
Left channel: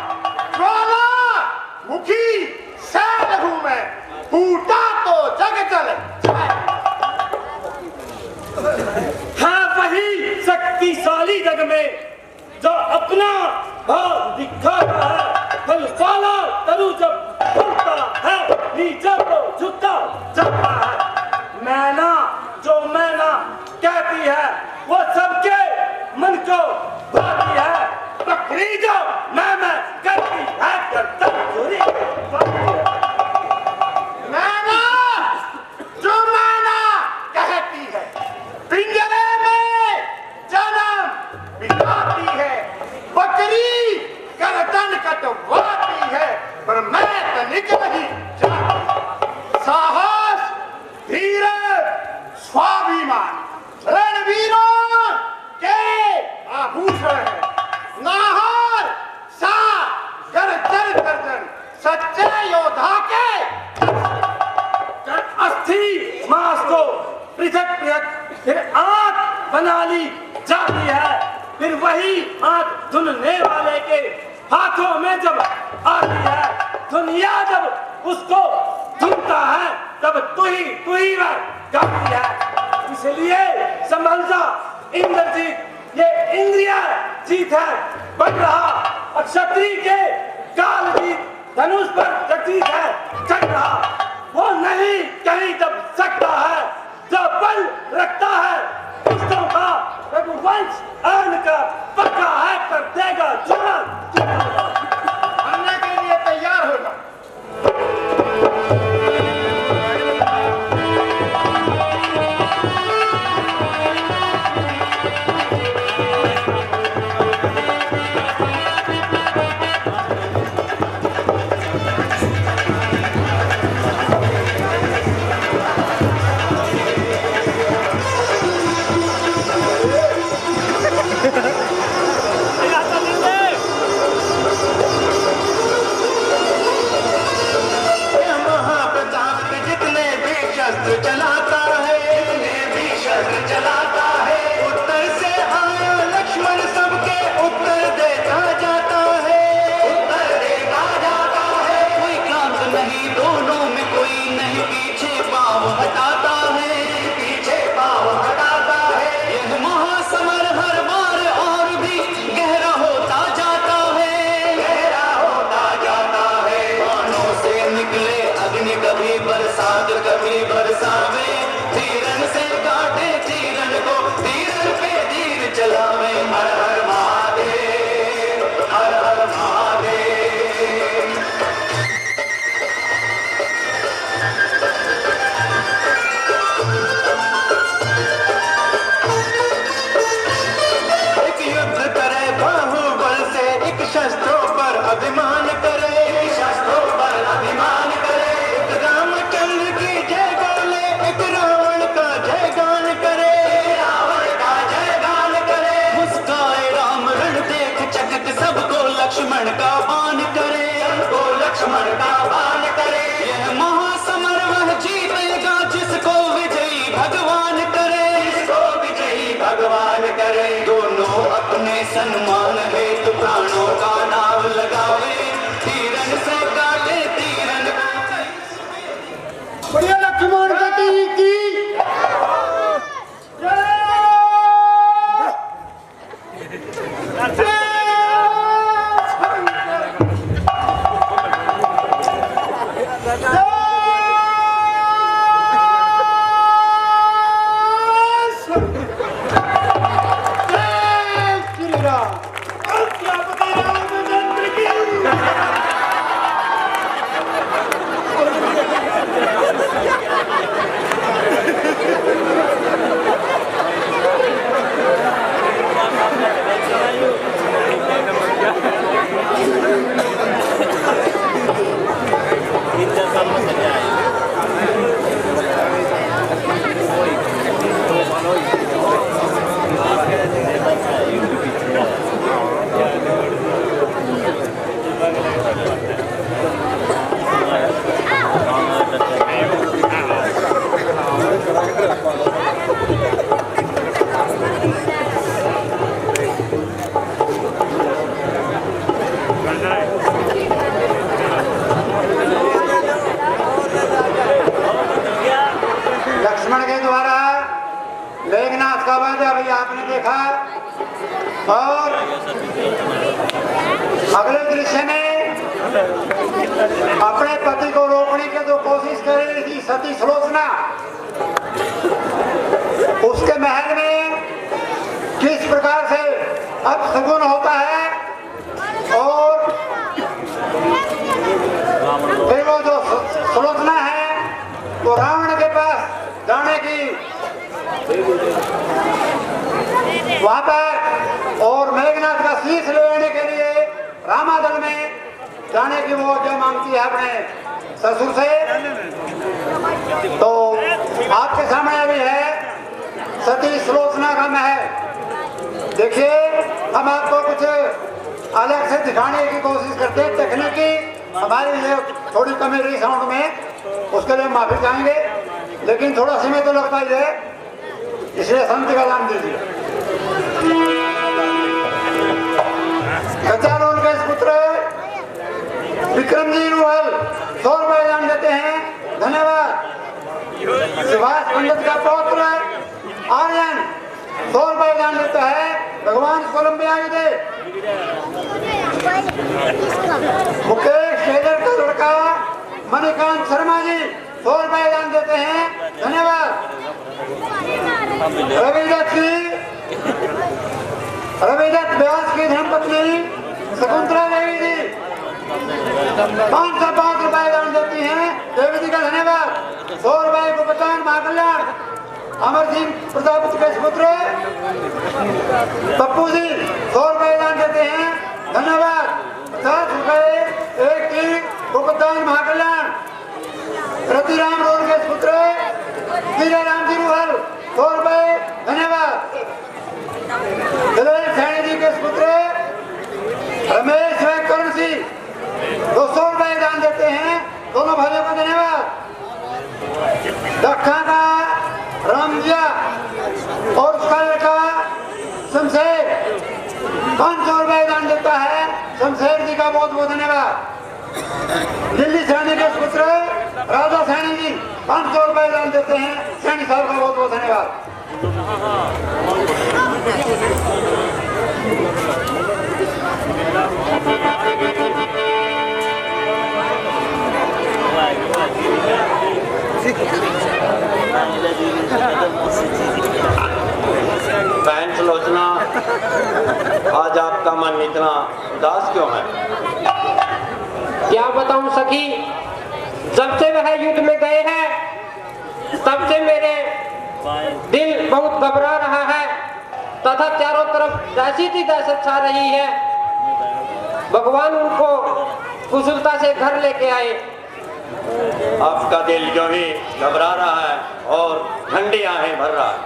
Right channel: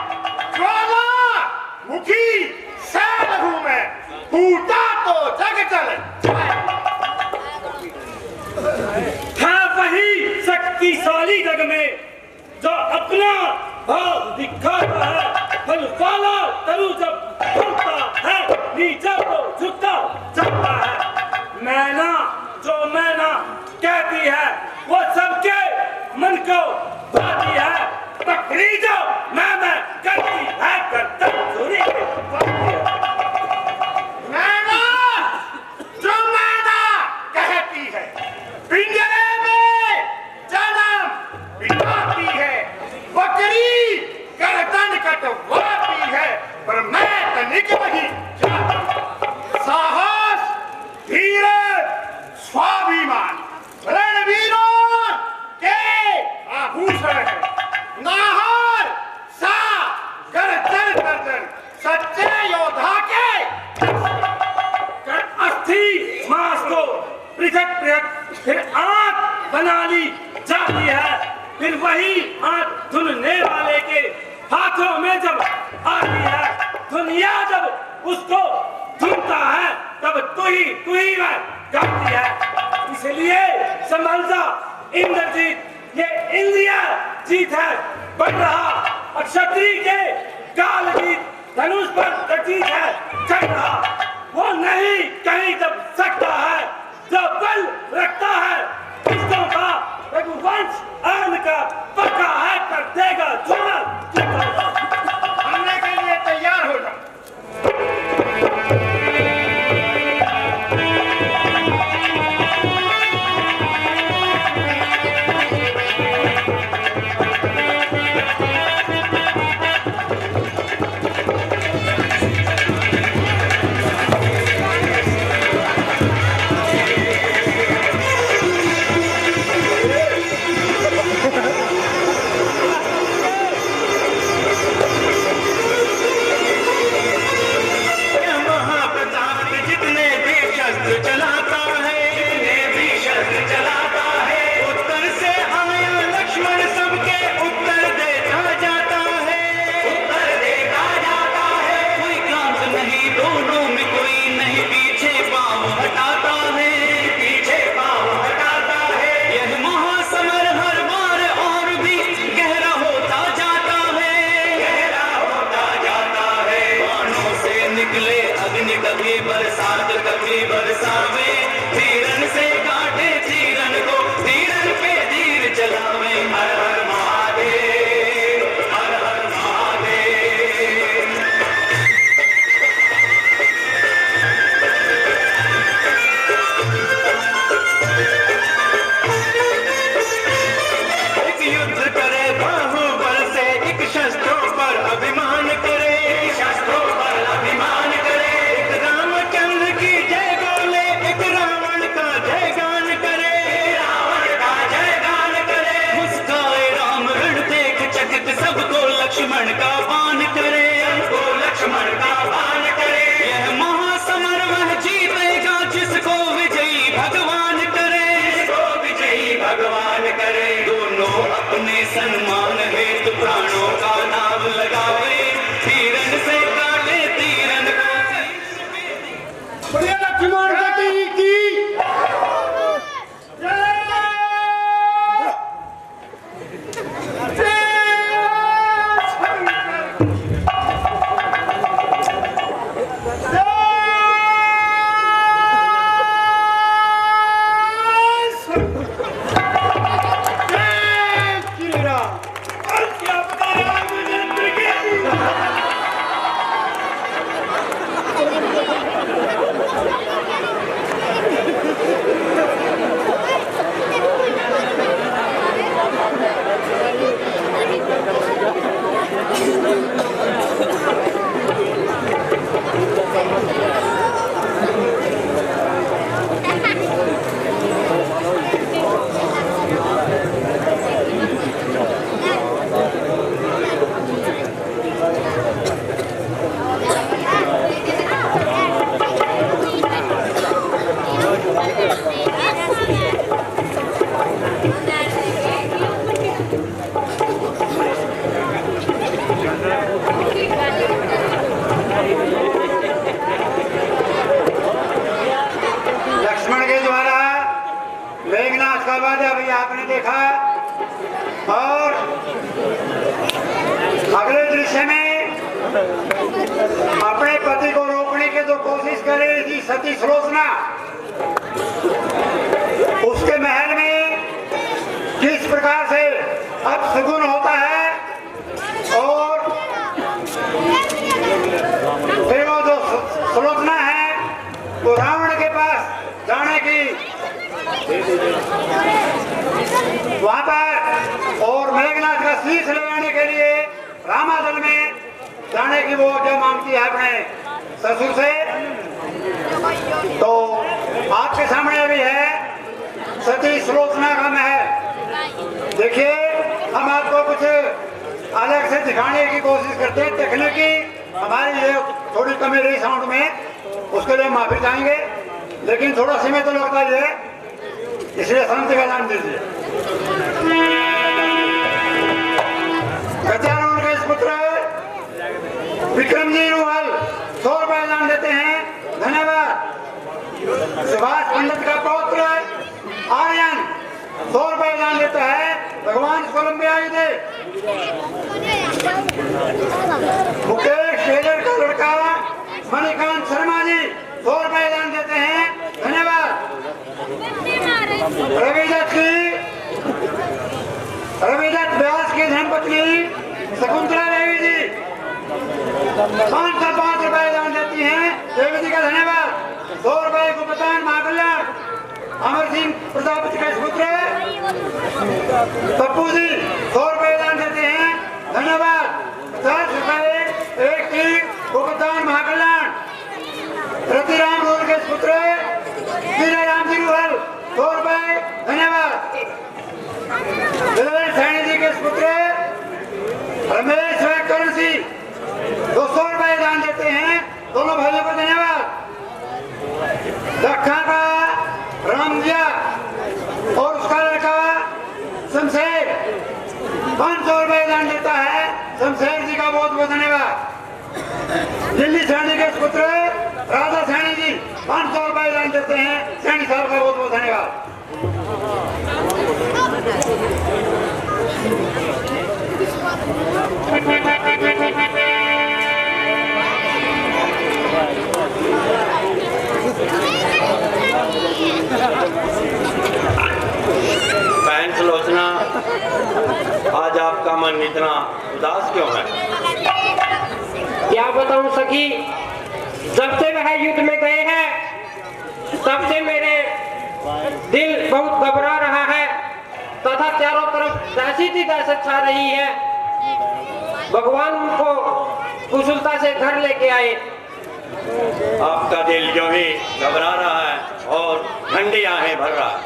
ज्वाला मुखी सैल हूँ मैं, टूटा तो जग जल है वही शक्तिशाली जग में जो अपना भाव दिखाता है। फल वाला तरु जब फलता है, नीचे तो झुकता जाता है। मैना जो मैना कहती है वो सबके मन को भाती है। बकरी जो मैं करती है करता चोरी मैना जो मैना कहती है, पिंजरे में जन्म बिताती है। बकरी गर्दन कटवाती है, पर मैं तनिक नहीं जाती। साहस, धीरज, स्वाभिमान रणवीरों के आभूषण है। नाहर सा गर्दन गर्दन सच्चे योद्धा के अस्थि मांस को पृथक पृथक फिर आंख बना ली जाती है। फिर वही आंख धुनने वाले के हाथों में जब आती है, दुनिया जब उसको धुनता है, तब तू ही वह गाती है। इसलिए संभल जा इंद्रजीत, ये इंद्रिया जीत है। बढ़ रहा क्षत्रिय के काल जीत धनुष पर प्रतीत है चढ़ रहा। वो नहीं कहीं जब सकता है, जो बल रखता है किस्तों का रघुवंश आन का पक्का है, कर देगा जुमल। हमने के लिए तैयार हो जाओ। लक्ष्मण का बाण करे, वो लक्ष्मण का बाण करे। यह महासमर वह जीतेगा जिसको विजयी भगवान करे, जिसको विजयी भगवान करे। दोनों अपने सन्मान हेतु प्राणों का नाम लगावे, तीरन से काटे तीरन। बढ़िया लक्ष्मण गति की आपने देखा। और अगले दृश्य में अपने पति को रोकने की जो कोशिश कर रही थी सती सुलोचना, उसके महल में किस प्रकार से अब सगुन होता है और फिर वो जो सुलोचना है वो रावण के पास जाने की वहां पर और मेघनाथ का शीश ले आने के लिए रामादल में जाने की वो जो मांगती है अपने ससुर से। तो आपके सामने भी है सती सुलोचना का महल। देखिए हम आपको कुछ अलग से दिखाने की कोशिश करते हैं, तकनीकी हमारे लिए थोड़ी कमी रही साउंड में, उसके लिए माफी चाहेंगे, लेकिन थोड़ा समय तो लगता ही है, इसलिए शांति का नाम दीजिए। गजानन के पुत्र विक्रमजी रुहल 100 रुपए दान देते हैं, धन्यवाद। सुभाष पंडित का पौत्र आर्यन 100 रुपए दान देता है, भगवान कोलंबिया दे। मुकेश टेलर का लड़का मणिकांत शर्मा जी 100 रुपए दान देते हैं, धन्यवाद। रविदत्त व्यास की धर्मपत्नी शकुंतला देवी जी 505 रुपए दान देती हैं, देवी जी का धन्यवाद। 100 रुपए को प्रदान महाकल्याण अमर सिंह प्रजापति के पुत्र पप्पू जी 100 रुपए दान देते हैं, धन्यवाद। 50 रुपए एक की भुगतान महाकल्याण रतिराम रोल के पुत्र विजय राम जी रुहल 100 रुपए, धन्यवाद। सैनी जी के पुत्र रमेश व करण सिंह 200 रुपए दान देते हैं, दोनों भाइयों को धन्यवाद। दखा का रामजिया और उसका लड़का शमशेर 500 रुपए दान देता है, शमशेर जी का बहुत बहुत धन्यवाद। दिल्ली सैनी के पुत्र राजा सैनी जी 500 रुपए दान देते हैं, सैनी साहब का बहुत बहुत धन्यवाद। बहन सुलोचना, आज आपका मन इतना उदास क्यों है? क्या बताऊं सखी, जब से वह युद्ध में गए हैं तब से मेरे दिल बहुत घबरा रहा है तथा चारों तरफ दहशत ही दहशत छा रही है। भगवान उनको कुशलता से घर लेके आए। आपका दिल जो ही घबरा रहा है और ठंडी आहें भर रहा है।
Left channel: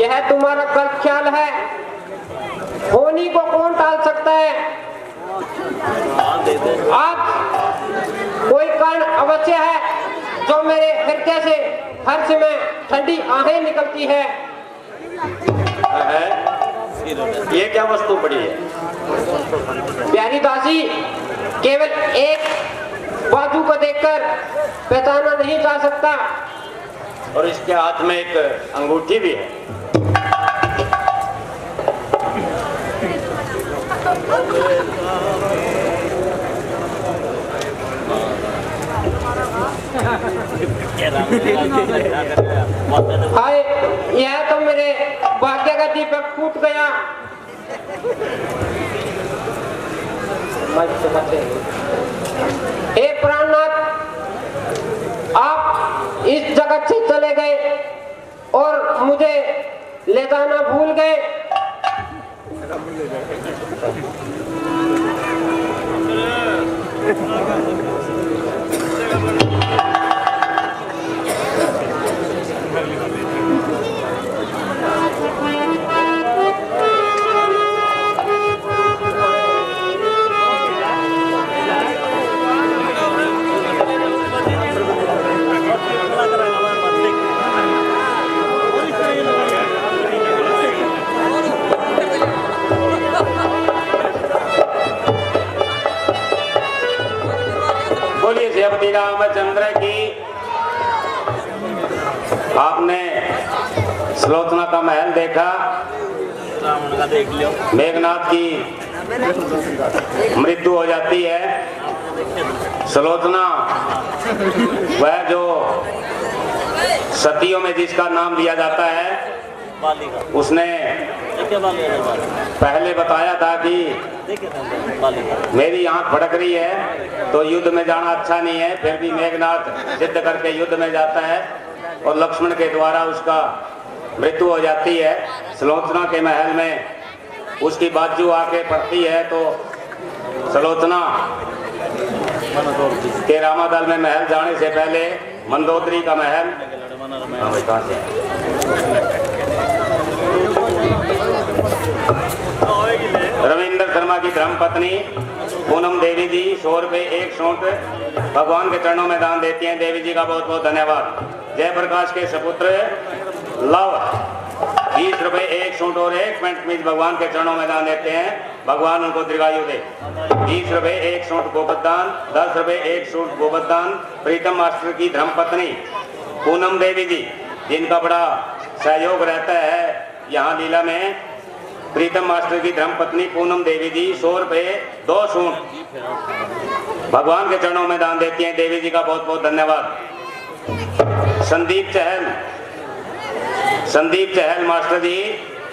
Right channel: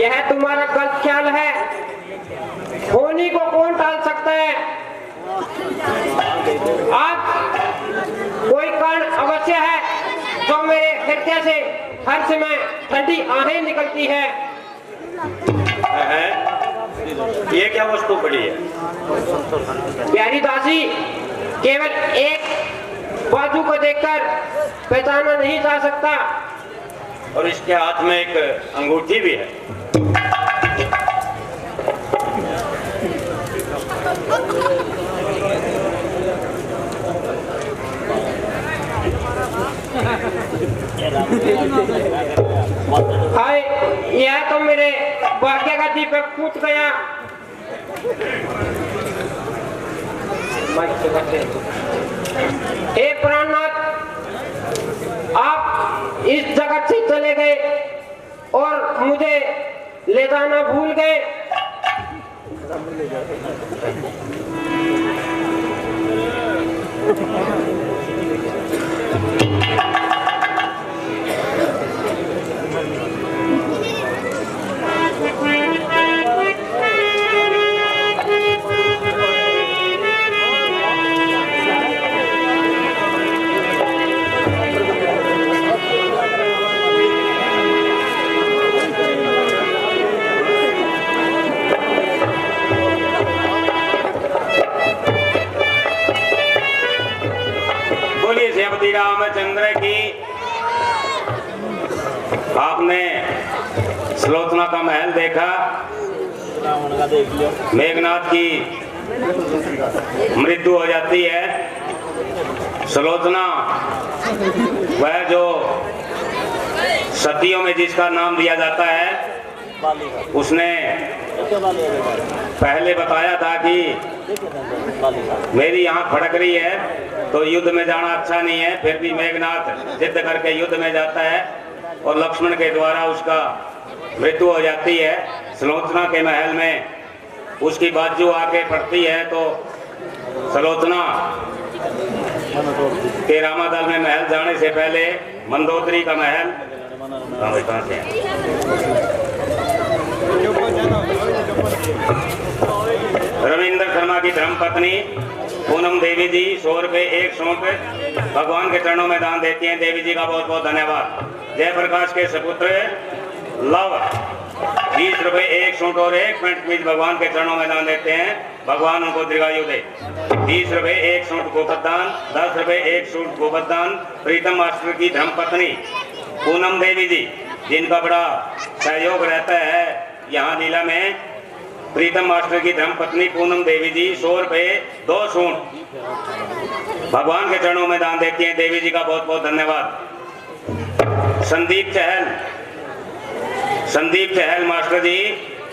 यह तुम्हारा गलत ख्याल है, होनी को कौन टाल सकता है। आहें निकलती है। ये क्या वस्तु पड़ी है? प्यारी दासी, केवल एक बाजू को देखकर पहचाना नहीं जा सकता। और इसके हाथ में एक अंगूठी भी है। हाय, यह तो मेरे भाग्य का दीपक फूट गया। हे प्राणनाथ, आप इस जगत से चले गए और मुझे ले जाना भूल गए। बोलिए श्री रामचंद्र की। आपने सुलोचना का महल देखा, मेघनाथ की मृत्यु हो जाती है। सुलोचना वह जो सतियों में जिसका नाम लिया जाता है, उसने पहले बताया था कि मेरी आंख फड़क रही है तो युद्ध में जाना अच्छा नहीं है। फिर भी मेघनाथ जिद करके युद्ध में जाता है और लक्ष्मण के द्वारा उसका मृत्यु हो जाती है। सुलोचना के महल में उसकी बाजू आके पड़ती है तो सुलोचना के रामादल में महल जाने से पहले मंदोदरी का महल रविंद्र शर्मा की धर्मपत्नी पूनम देवी जी 100 रुपए एक सूट भगवान के चरणों में दान देती हैं। देवी जी का बहुत बहुत धन्यवाद। जयप्रकाश के सपुत्र लव 20 रुपए एक सूट और एक पैंट कमीज भगवान के चरणों में दान देते हैं। भगवान उनको दीर्घायु दे। 20 रुपए एक सूट गोपदान, 10 रुपए एक सूट गोपदान प्रीतम मास्टर की धर्मपत्नी पूनम देवी जी, जिनका बड़ा सहयोग रहता है यहाँ लीला में। प्रीतम मास्टर की धर्मपत्नी पूनम देवी जी 100 रुपए 2 सूट भगवान के चरणों में दान देती हैं। देवी जी का बहुत बहुत धन्यवाद। संदीप चहल मास्टर जी,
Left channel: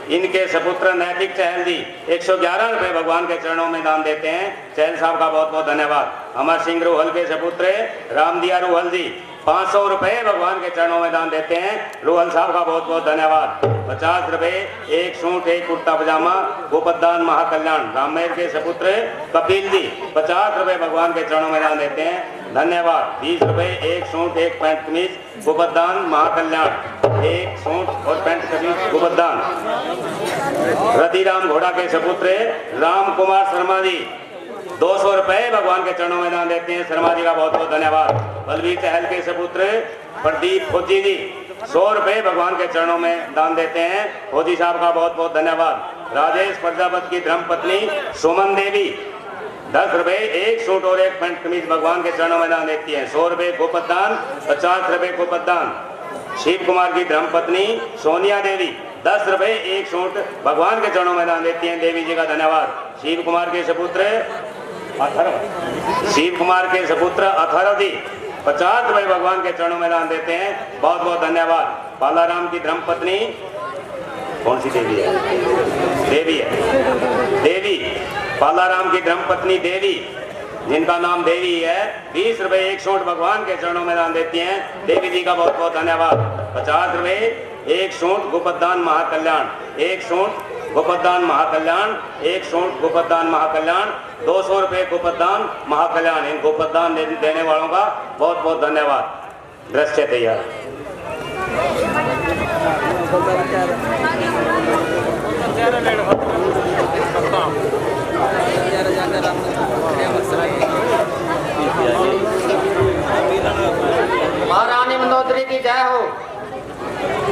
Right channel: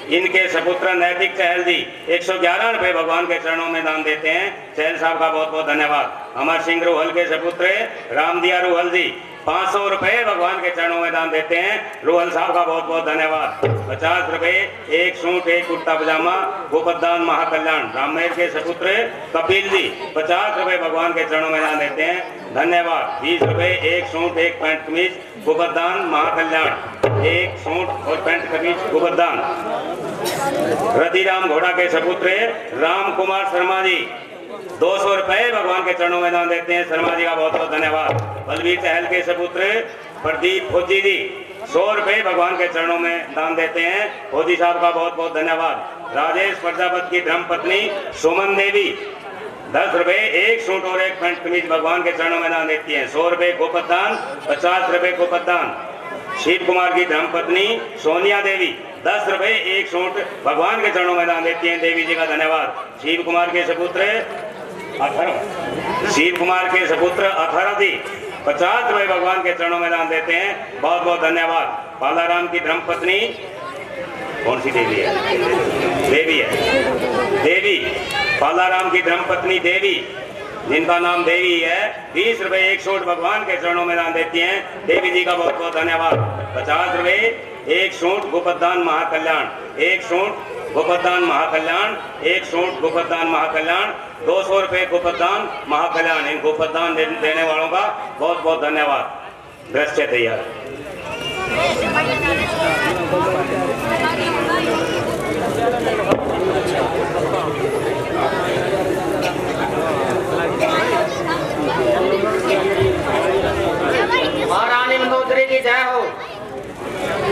इनके सपुत्र नैतिक चहल जी 111 रुपए भगवान के चरणों में दान देते हैं। चहल साहब का बहुत बहुत धन्यवाद। अमर सिंह रोहल के सपुत्र रामदिया रोहल जी 500 रुपए भगवान के चरणों में दान देते हैं। रोहल साहब का बहुत बहुत धन्यवाद। 50 रुपए एक सूट एक कुर्ता पजामा गोपदान महाकल्याण राममेर के सपुत्र कपिल जी 50 रुपए भगवान के चरणों में दान देते हैं। धन्यवाद। 20 रुपए एक सूट एक पैंट कमीज गोपदान महाकल्याण एक सूट और पैंट कमीज गोपदान। रतिराम घोड़ा के सपुत्र राम कुमार शर्मा जी 200 रुपए भगवान के चरणों में दान देते हैं। शर्मा जी का बहुत बहुत धन्यवाद। बलवीर चहल के सपुत्र प्रदीप फौजी जी 100 रुपए भगवान के चरणों में दान देते हैं। फौजी साहब का बहुत बहुत धन्यवाद। राजेश प्रजापति की धर्मपत्नी सुमन देवी 10 रुपए एक सूट और एक पैंट कमीज भगवान के चरणों में दान देती है। 100 रुपए गोपदान, 50 रुपए गोपदान। शिव कुमार की धर्मपत्नी सोनिया देवी 10 रुपए एक सूट भगवान के चरणों में दान देती हैं। देवी जी का धन्यवाद। शिव कुमार के सपुत्र अथर्व जी 50 रुपए भगवान के चरणों में दान देते हैं। बहुत बहुत धन्यवाद। बालाराम की धर्मपत्नी कौन सी देवी है? देवी बालाराम की धर्मपत्नी देवी, जिनका नाम देवी है, 20 रुपए एक सूट भगवान के चरणों में दान देती हैं। देवी जी का बहुत बहुत धन्यवाद। 50 रुपए एक सूट गोपदान महाकल्याण एक सूट गोपदान महाकल्याण एक सूट गोपदान महाकल्याण 200 रुपए गोपदान महाकल्याण। इन गोपदान देने वालों का बहुत बहुत धन्यवाद। दृश्य तैयार। महारानी मंदोदरी की जय हो।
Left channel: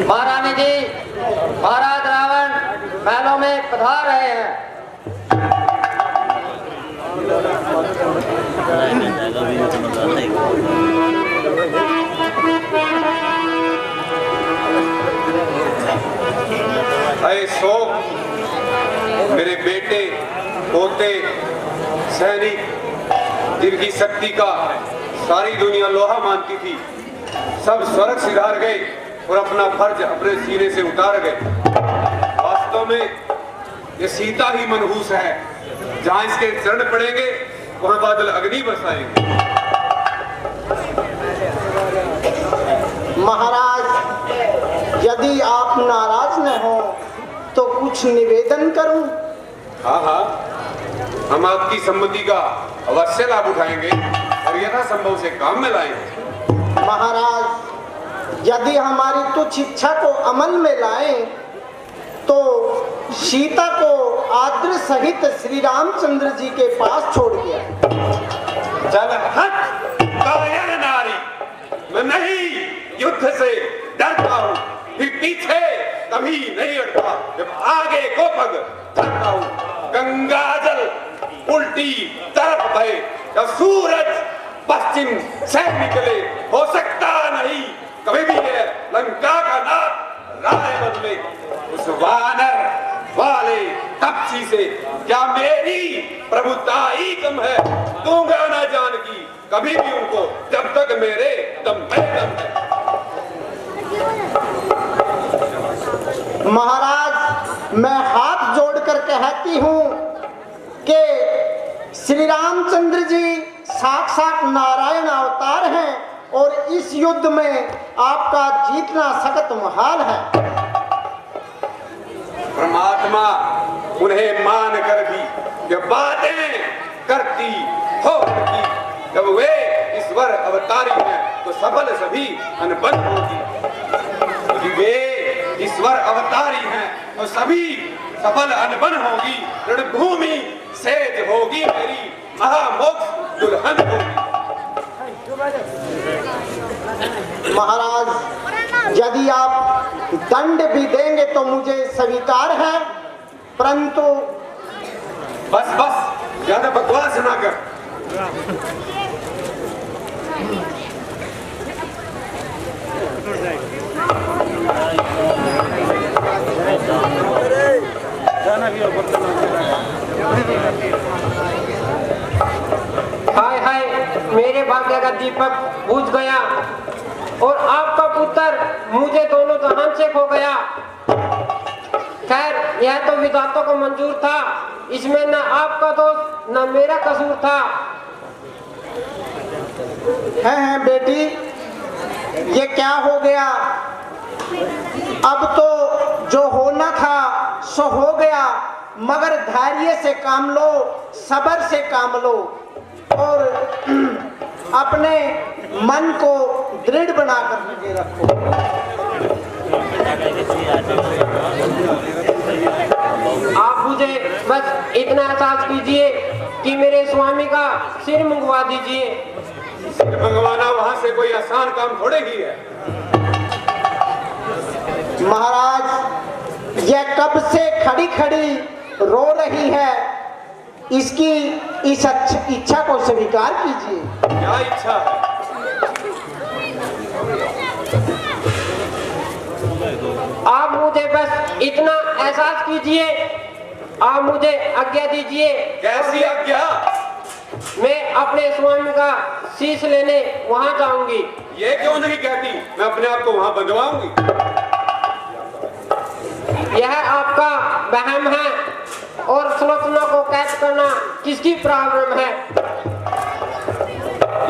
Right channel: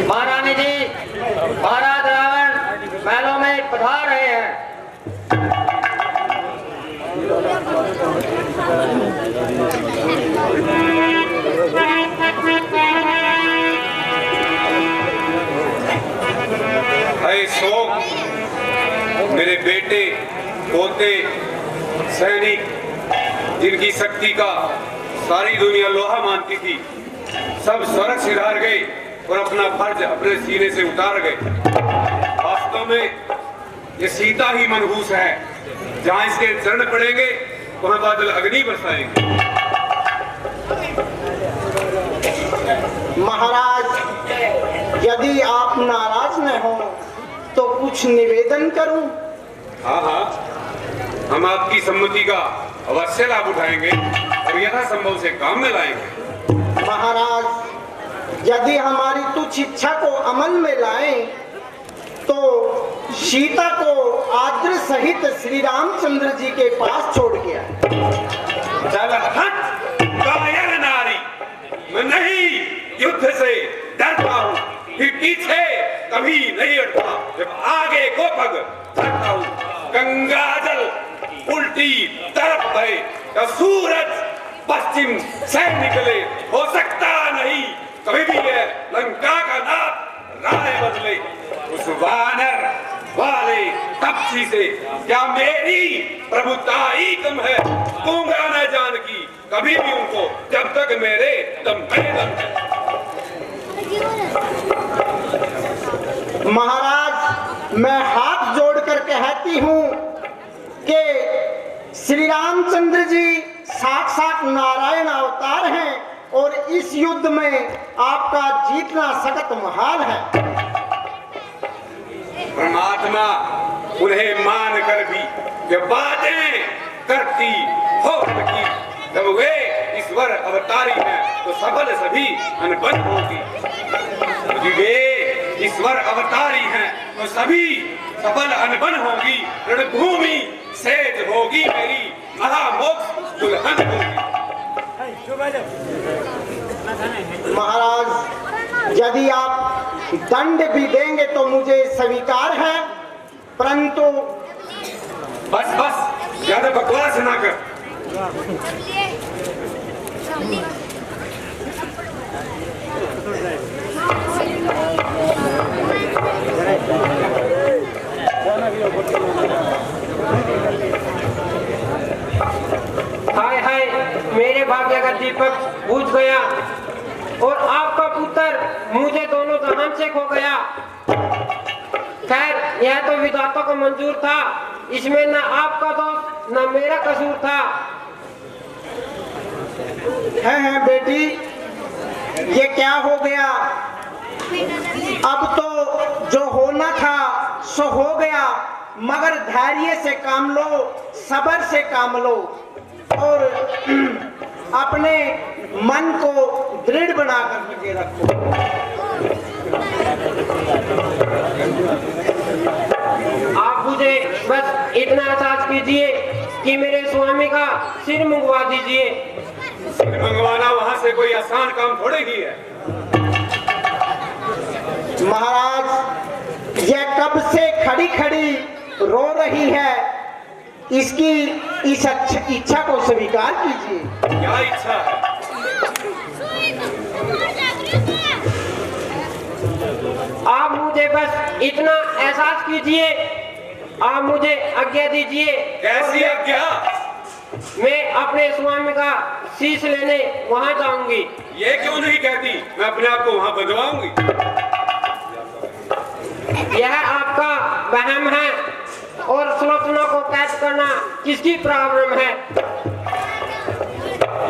महारानी अरे शोक, मेरे बेटे पोते सैनिक जिनकी शक्ति का सारी दुनिया लोहा मानती थी, सब स्वर्ग सिधार गए और अपना फर्ज अपने सीने से उतार गए। वास्तव में ये सीता ही मनहूस है, जहां इसके चरण पड़ेंगे वहां बादल अग्नि बरसाएंगे। महाराज, यदि आप नाराज न हो तो कुछ निवेदन करूं? हाँ हाँ, हम आपकी सम्मति का अवश्य लाभ उठाएंगे और यथासंभव से काम में लाएंगे। महाराज, यदि हमारी तुच्छ इच्छा को अमल में लाएं तो सीता को आद्र सहित श्री रामचंद्र जी के पास छोड़ गया। चल हट कायर नारी, मैं नहीं युद्ध से डरता हूँ, फिर पीछे कभी नहीं हटता, जब आगे को पग धरता हूँ। गंगा जल उल्टी तरफ बहे या सूरज पश्चिम से निकले, हो सकता नहीं कभी भी ये लंका का नाम राय बदले। उस वानर वाले तपसी से क्या मेरी प्रभुताई कम है? दूंगा न जानकी कभी भी उनको, जब तक मेरे दम पे दम है। महाराज, मैं हाथ जोड़कर कहती हूँ कि श्री रामचंद्र जी साक्षात नारायण अवतार हैं और इस युद्ध में आपका जीतना सख्त मुहाल है। परमात्मा उन्हें मान कर भी ये बातें करती हो की, जब वे ईश्वर अवतारी हैं तो सबल सभी अनबन होगी। यदि वे ईश्वर अवतारी हैं तो सभी सबल अनबन होगी। रणभूमि सेज होगी मेरी, महामोक्ष दुल्हन होगी। महाराज, यदि आप दंड भी देंगे तो मुझे स्वीकार है, परंतु बस बस, ज्यादा बकवास ना कर। हाय हाय, मेरे भाग्य का दीपक बुझ गया और आपका पुत्र मुझे दोनों जहान से खो गया। खैर, यह तो विधाता को मंजूर था, इसमें न आपका दोष न मेरा कसूर था। है बेटी, ये क्या हो गया? अब तो जो होना था सो हो गया, मगर धैर्य से काम लो, सब्र से काम लो और अपने मन को दृढ़ बना करके रखो। आप मुझे बस इतना एहसास कीजिए कि मेरे स्वामी का सिर मंगवा दीजिए। मंगवाना वहां से कोई आसान काम थोड़े ही है। महाराज, यह कब से खड़ी खड़ी रो रही है, इसकी इस इच्छा को स्वीकार कीजिए। क्या इच्छा है? आप मुझे बस इतना एहसास कीजिए, आप मुझे आज्ञा दीजिए। कैसी आज्ञा? मैं अपने स्वामी का शीश लेने वहां जाऊंगी। ये क्यों नहीं कहती मैं अपने आप को वहां बंधवाऊंगी? यह आपका वहम है और सुलोचना को कैद करना किसकी प्रॉब्लम है?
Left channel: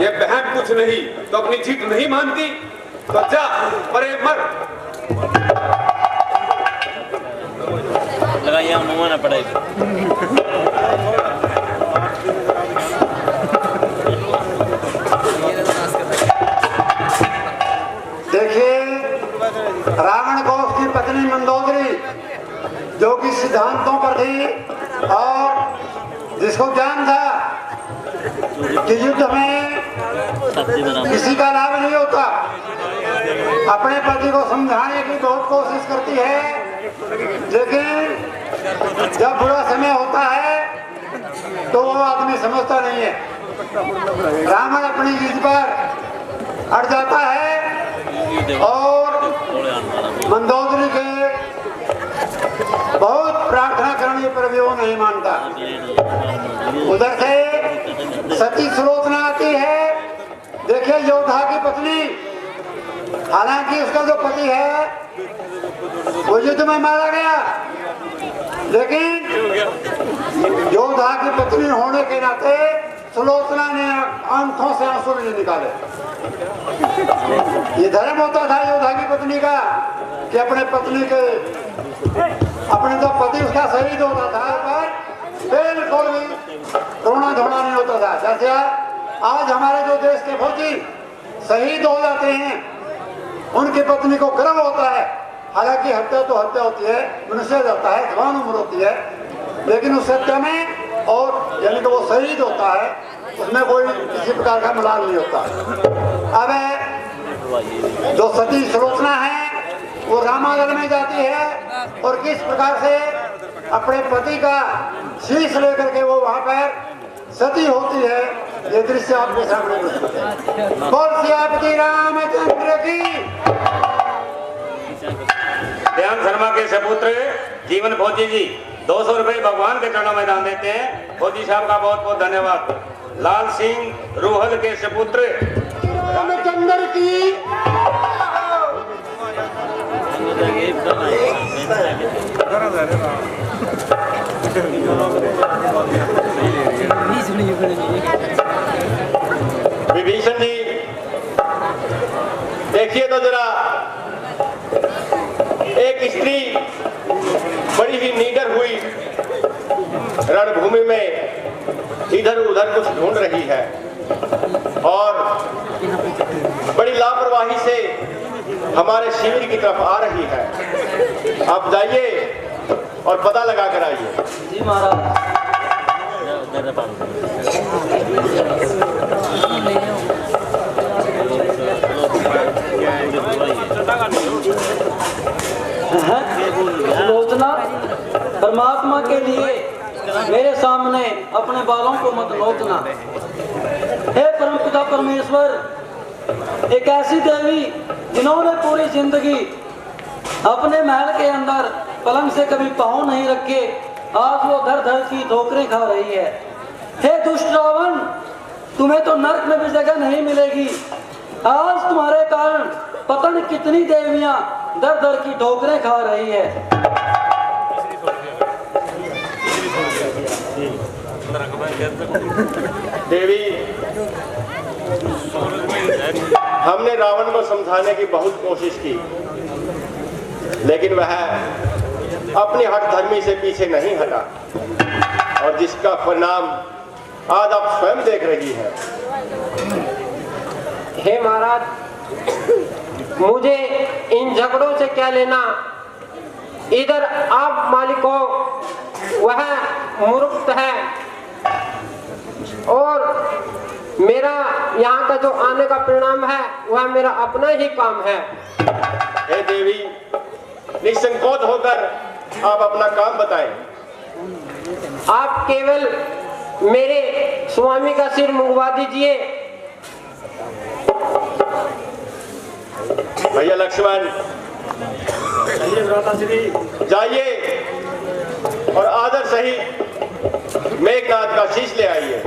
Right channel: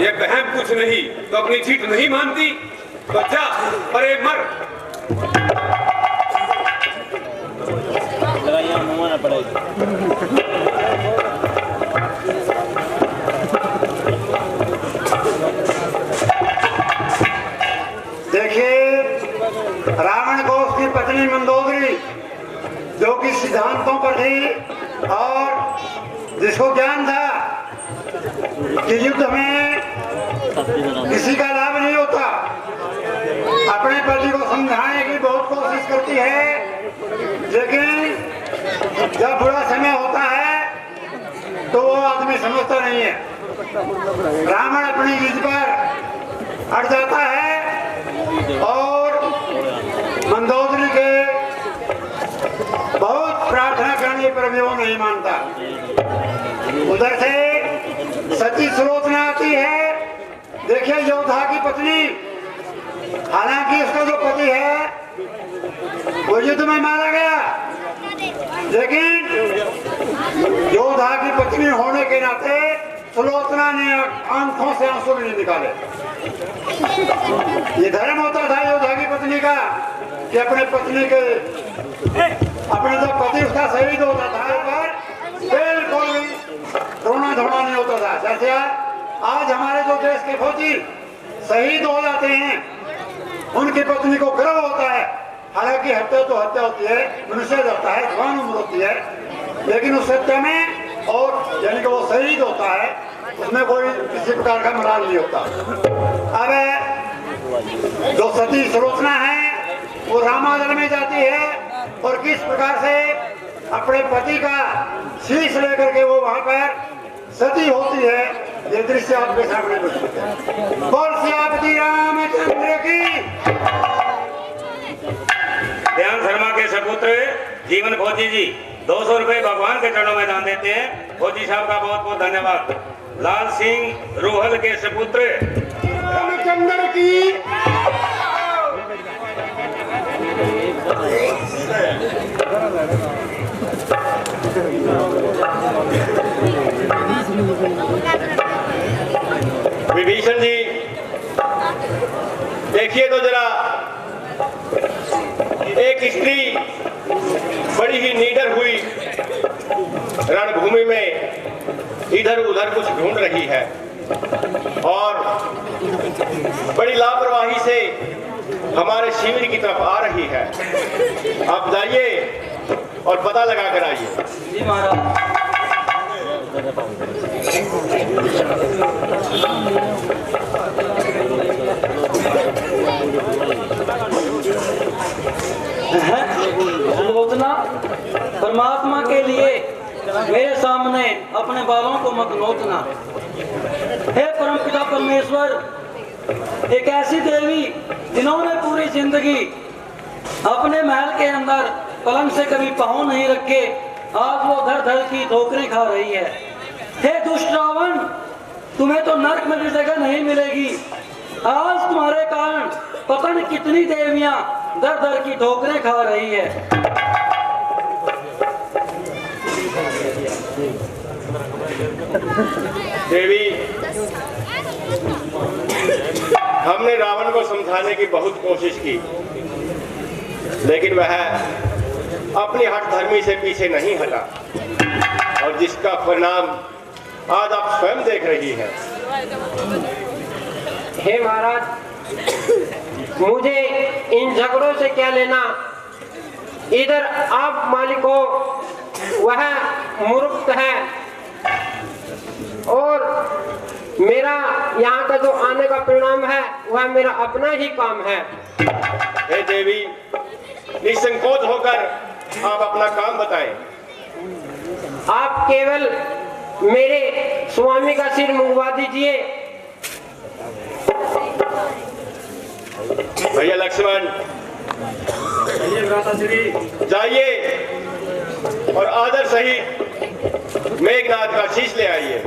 ये बहन कुछ नहीं तो अपनी जीत नहीं मानती तो जा परे मर। लगाइए मुंह ना पड़ेगी। देखिए, रावण को उसकी पत्नी मंदोदरी, जो कि सिद्धांतों पर थी और जिसको ज्ञान था कि युद्ध में किसी का लाभ नहीं होता, अपने पति को समझाने की बहुत कोशिश करती है, लेकिन जब बुरा समय होता है तो वो आदमी समझता नहीं है। रावण अपनी जिद पर अड़ जाता है और मंदोदरी के बहुत प्रार्थना करने पर भी वो नहीं मानता। उधर से सती सुलोचना आती है। देखिए योद्धा की पत्नी, हालांकि उसका जो पति है वो युद्ध में मारा गया, लेकिन योद्धा की पत्नी होने के नाते सुलोचना ने आंखों से आंसू नहीं निकाले। ये धर्म होता था योद्धा की पत्नी का कि अपने पत्नी के अपने जो पति उसका शहीद होता था पर बिल्कुल भी रोना धोना नहीं होता था। जैसे आज हमारे जो देश के फौजी शहीद हो जाते हैं, उनकी पत्नी को गर्व होता है, हालांकि हत्या तो हत्या होती है, मनुष्य जाता है, जवान उम्र होती है, लेकिन उस हत्या में और यानी कि वो शहीद होता है, उसमें कोई किसी प्रकार का मलाल नहीं होता। अब जो सती सुलोचना है वो रामायण में जाती है और किस प्रकार से अपने पति का शीश लेकर के वो वहां पर सती होती है, ये दृश्य आपके सामने प्रस्तुत है। बोल सियापति रामचंद्र की। ध्यान शर्मा के सपुत्र जीवन फौजी जी 200 रुपए भगवान के चरणों में दान देते हैं। फौजी साहब का बहुत बहुत धन्यवाद। लाल सिंह रोहल के सपुत्र रामचंद्र की। विभीषण जी देखिए तो जरा, एक स्त्री बड़ी ही निडर हुई रणभूमि में इधर उधर कुछ ढूंढ रही है और बड़ी लापरवाही से हमारे शिविर की तरफ आ रही है। आप जाइए और पता लगा कर आइए। जी महाराज। सुलोचना, परमात्मा के लिए मेरे सामने अपने बालों को मत नोचना। हे परमपिता परमेश्वर, एक ऐसी देवी जिन्होंने पूरी जिंदगी अपने महल के अंदर पलंग से कभी पांव नहीं रखे, आज वो धर धर की ठोकरें खा रही है। हे दुष्ट रावण, तुम्हें तो नरक में भी जगह नहीं मिलेगी। आज तुम्हारे कारण पता नहीं कितनी देवियां दर दर की ठोकरें खा रही है। देवी, हमने रावण को समझाने की बहुत कोशिश की, लेकिन वह अपनी हठधर्मी से पीछे नहीं हटा और जिसका परिणाम आज आप स्वयं देख रही है। हे महाराज, मुझे इन झगड़ों से क्या लेना। इधर आप मालिक हो, वह मूर्ख है और मेरा यहाँ का जो आने का परिणाम है वह मेरा अपना ही काम है। हे देवी, निसंकोच होकर आप अपना काम बताएं। आप केवल मेरे स्वामी का सिर मुंगवा दीजिए। भैया लक्ष्मण, जाइए और आदर सहित मेघनाथ का शीश ले आइए।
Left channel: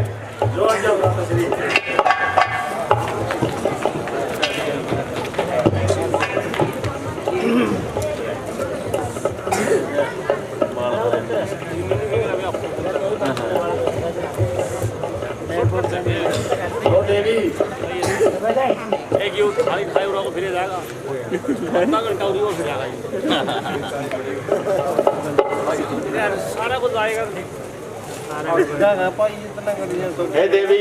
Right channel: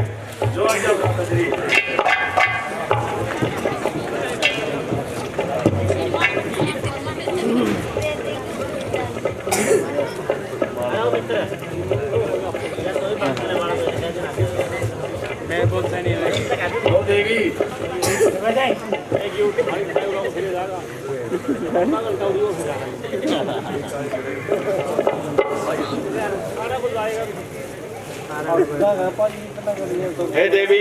हे देवी,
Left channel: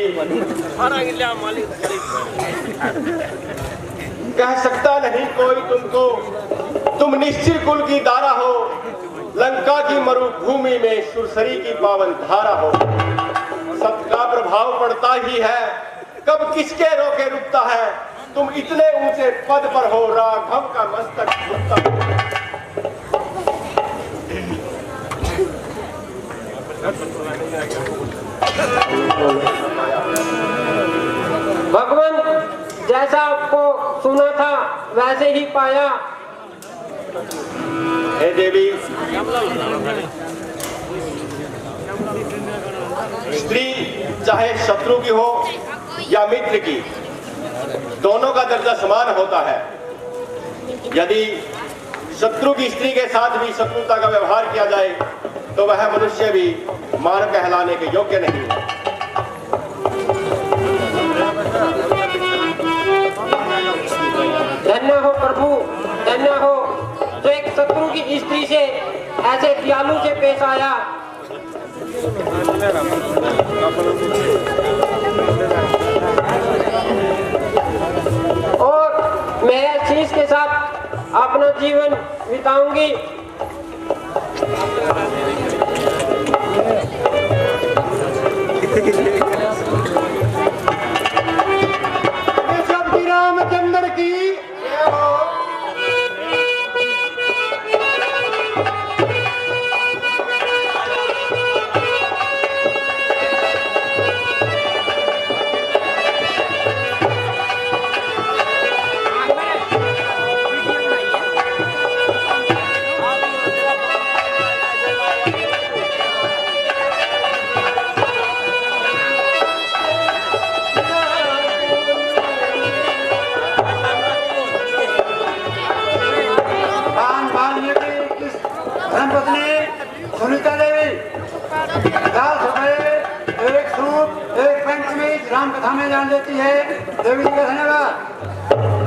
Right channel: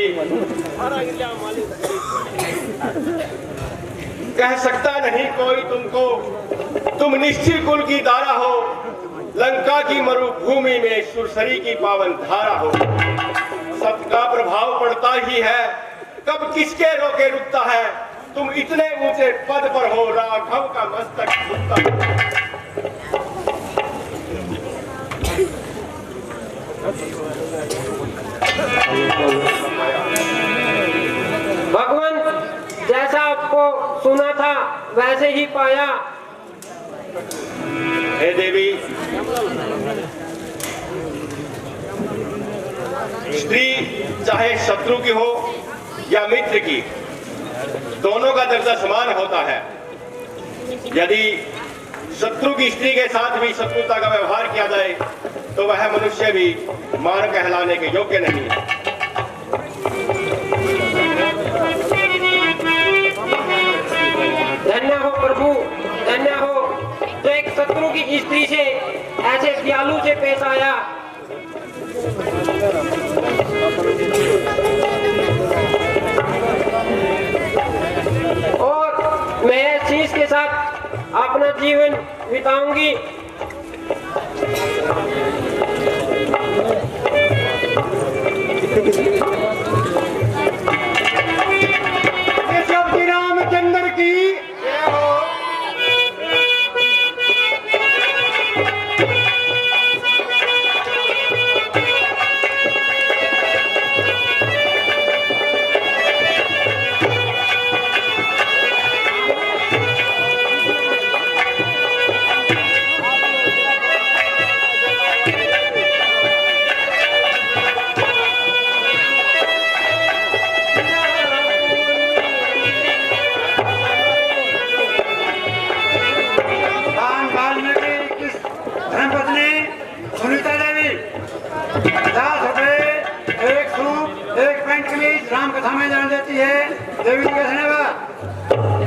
कह सकता नहीं कोई तुमको, तुम निश्चिर कुल की दारा हो, लंका की मरुभूमि में सुरसरी की पावन धारा हो। सत्य का प्रभाव पड़ता ही है, कब किसके रोके रुकता है। तुम इतने ऊंचे पद पर हो, राघव का मस्तक झुकता हो। भगवान जैसा आपको सुना था वैसे ही पाया। हे देवी, स्त्री चाहे शत्रु की हो या मित्र की, दोनों का दर्जा समान होता है। यदि शत्रु की स्त्री के साथ भी शत्रुता का व्यवहार किया जाए तो वह मनुष्य भी मानव कहलाने के योग्य नहीं है। धन्य हो प्रभु, धन्य हो जो एक शत्रु की स्त्री से ऐसे दयालु से पेश आया। और मैं इस चीज के साथ अपना जीवन बिताऊंगी। श्री रामचंद्र की जय हो। धर्मपत्नी सुनीता देवी 50 रुपए, एक सूट, एक पैंट कमीज राम कथा में जान देती है। देवी जी का धन्यवाद।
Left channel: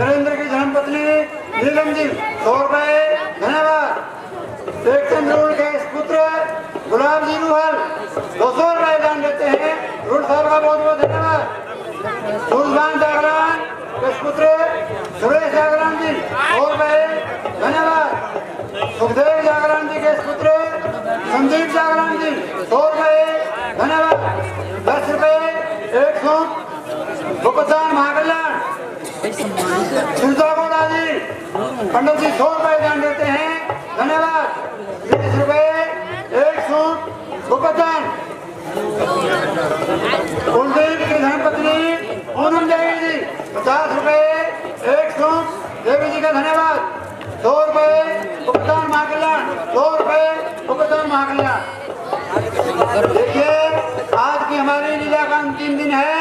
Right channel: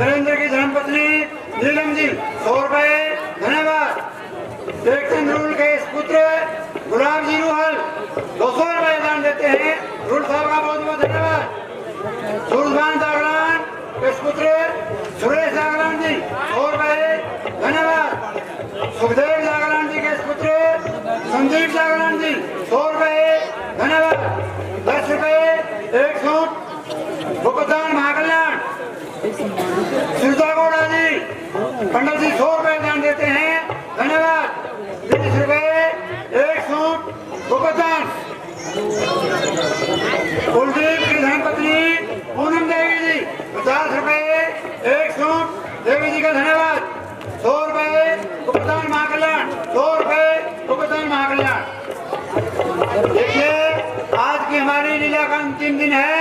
नरेंद्र की धर्मपत्नी नीलम जी 100 रुपए, धन्यवाद। एक सिंदूर के पुत्र गुलाब जी रूहल 200 रुपए दान देते हैं। रूल साहब का बहुत बहुत धन्यवाद। सूरजभान जागरण के पुत्र सुरेश जागरण जी 100 रुपए, धन्यवाद। सुखदेव जागरण जी के पुत्र संदीप जागरण जी 100 रुपए, धन्यवाद। 10 रुपए, एक सूट भुगतान महाकल्याण सुरजा गौड़ा जी पंडित जी 100 रुपए दान देते हैं, धन्यवाद। 20 रुपए, एक सूट भुगतान कुलदीप की धर्मपत्नी पूनम देवी जी 50 रुपए, एक सूट देवी जी का धन्यवाद। 100 रुपए भुगतान महाकल्याण, 100 रुपए भुगतान महाकल्याण। देखिए आज की हमारी लीला का अंतिम दिन है।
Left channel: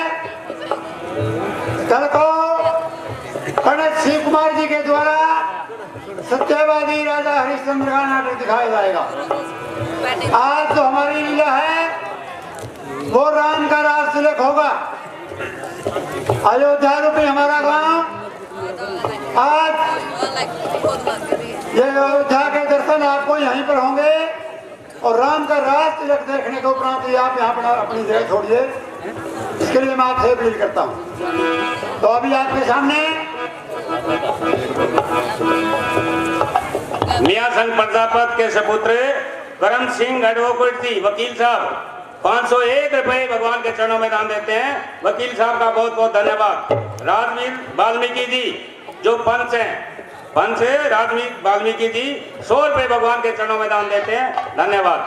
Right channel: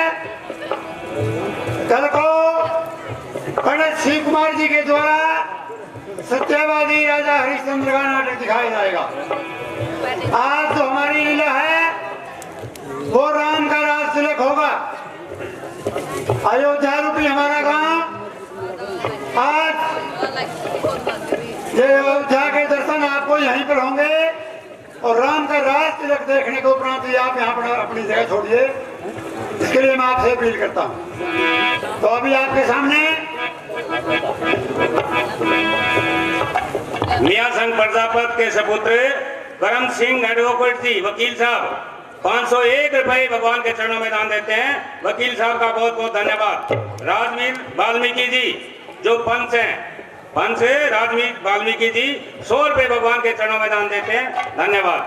कल को पंडित शिव कुमार जी के द्वारा सत्यवादी राजा हरिश्चंद्र का नाटक दिखाया जाएगा। आज जो हमारी लीला है वो राम का राज तिलक होगा। अयोध्या रूपी हमारा गांव आज ये अयोध्या के दर्शन आपको यहीं पर होंगे और राम का राज तिलक देखने के उपरांत आप यहाँ पर अपनी जगह छोड़िए। इसके लिए मैं आपसे अपील करता हूँ। तो अभी आपके सामने मियां संघ प्रजापत के सपुत्र करम सिंह एडवोकेट जी वकील साहब 501 रुपए भगवान के चरणों में दान देते हैं। वकील साहब का बहुत बहुत धन्यवाद। राजवीर वाल्मीकि जी जो पंच है राजवीर वाल्मीकि जी 100 रुपए भगवान के चरणों में दान देते हैं, धन्यवाद।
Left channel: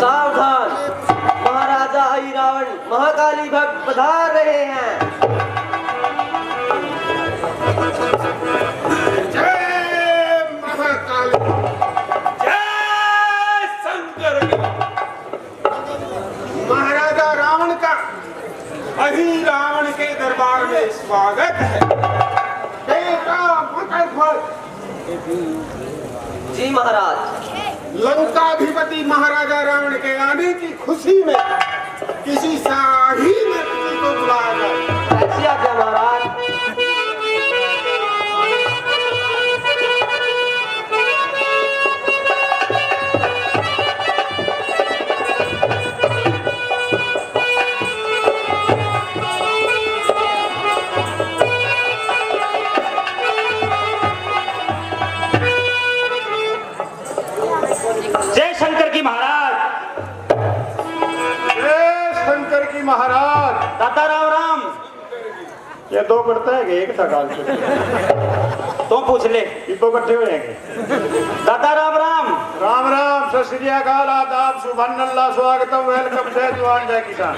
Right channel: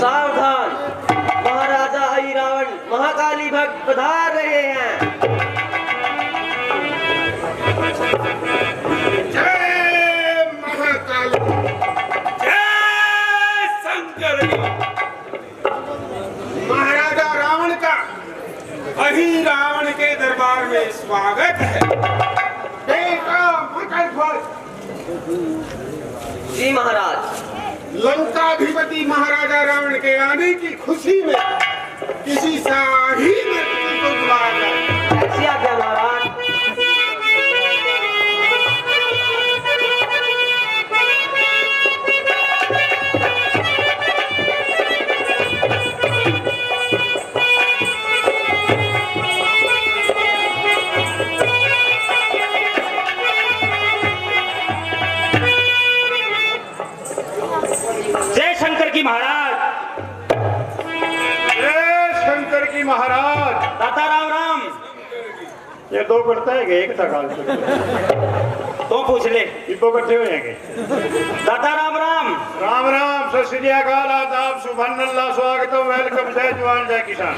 सावधान, महाराजा अहिरावण महाकाली भक्त पधार रहे हैं। जय महाकाली, जय शंकर। महाराजा रावण का अहिरावण के दरबार में स्वागत है। जी महाराज। लंकाधिपति महाराजा रावण के आने की खुशी में किसी शाही दादा राम राम। ये दो करता है एक था गाल तो पूछ ले। इब्बो इकट्ठे हो जाएंगे। दादा राम राम। राम राम, सत श्री अकाल, आदाब, सुभान अल्लाह, स्वागतम, वेलकम, जय जवान जय किसान।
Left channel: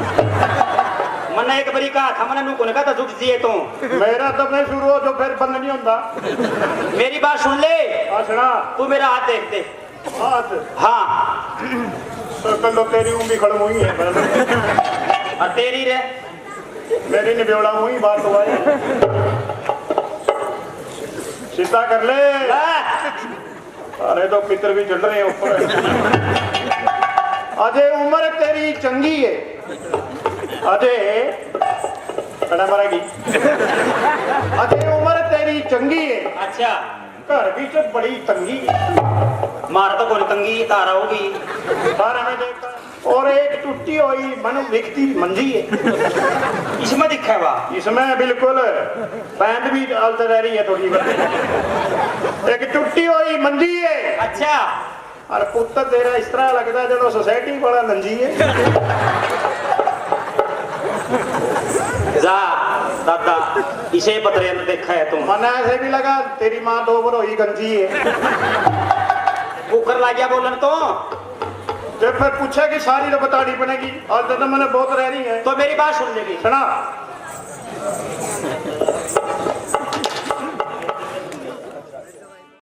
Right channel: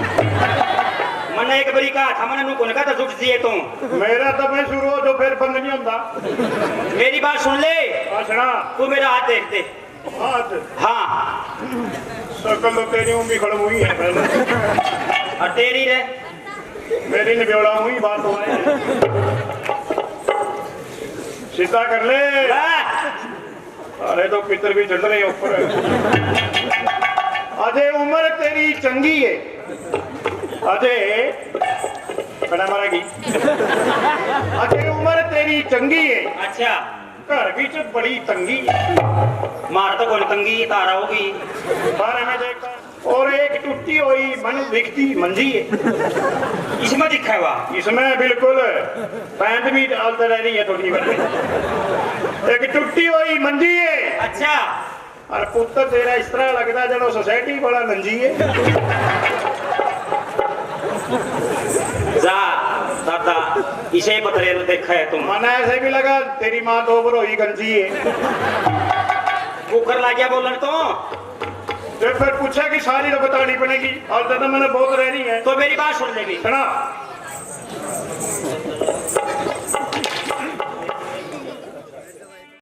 मैंने एक बड़ी कहा था, मैंने नुको लगा था झुक जिए तो मेरा तो मैं शुरू हो जो फिर बंद नहीं होता। मेरी बात सुन ले। सुना तू मेरा हाथ देख दे। हाथ हाँ कल तो तेरी उंगली खड़ हुई है, और तेरी रे मेरी निबेड़ा हुई बात हुआ है। सीधा कर ले। अरे तो पितर भी चढ़ रहे हैं ऊपर। अजय उम्र तेरी चंगी है, अजय खड़ा मारेगी। अजय उम्र तेरी चंगी है, अच्छा घर की तो बड़ी तंगी है। मारा तो कोई तंगी तारा होगी। बारह में देखता और एक टूटी हुई मन दिखती मंजी है। इसमें दिखा हुआ इसमें बिल्कुल पैंट भी डालते रह रही है थोड़ी। एक टूटी हुई मंजी है। अच्छा और पुत्र तेरा इस तरह लगता है जब सोसाइटी बड़ा नंजी है। जा दादा इसे ही पता नहीं देखा है तुम। मन ऐसे भी लगा तेरी माँ तो ऊपर हुई गंजी है। कुकर ला गया बोलन तो फिर पूछा कि सारी तो बतानी पड़ेगी और जब मैंने बहुत रह रही है तो मेरी बात सुन लेगी। सुना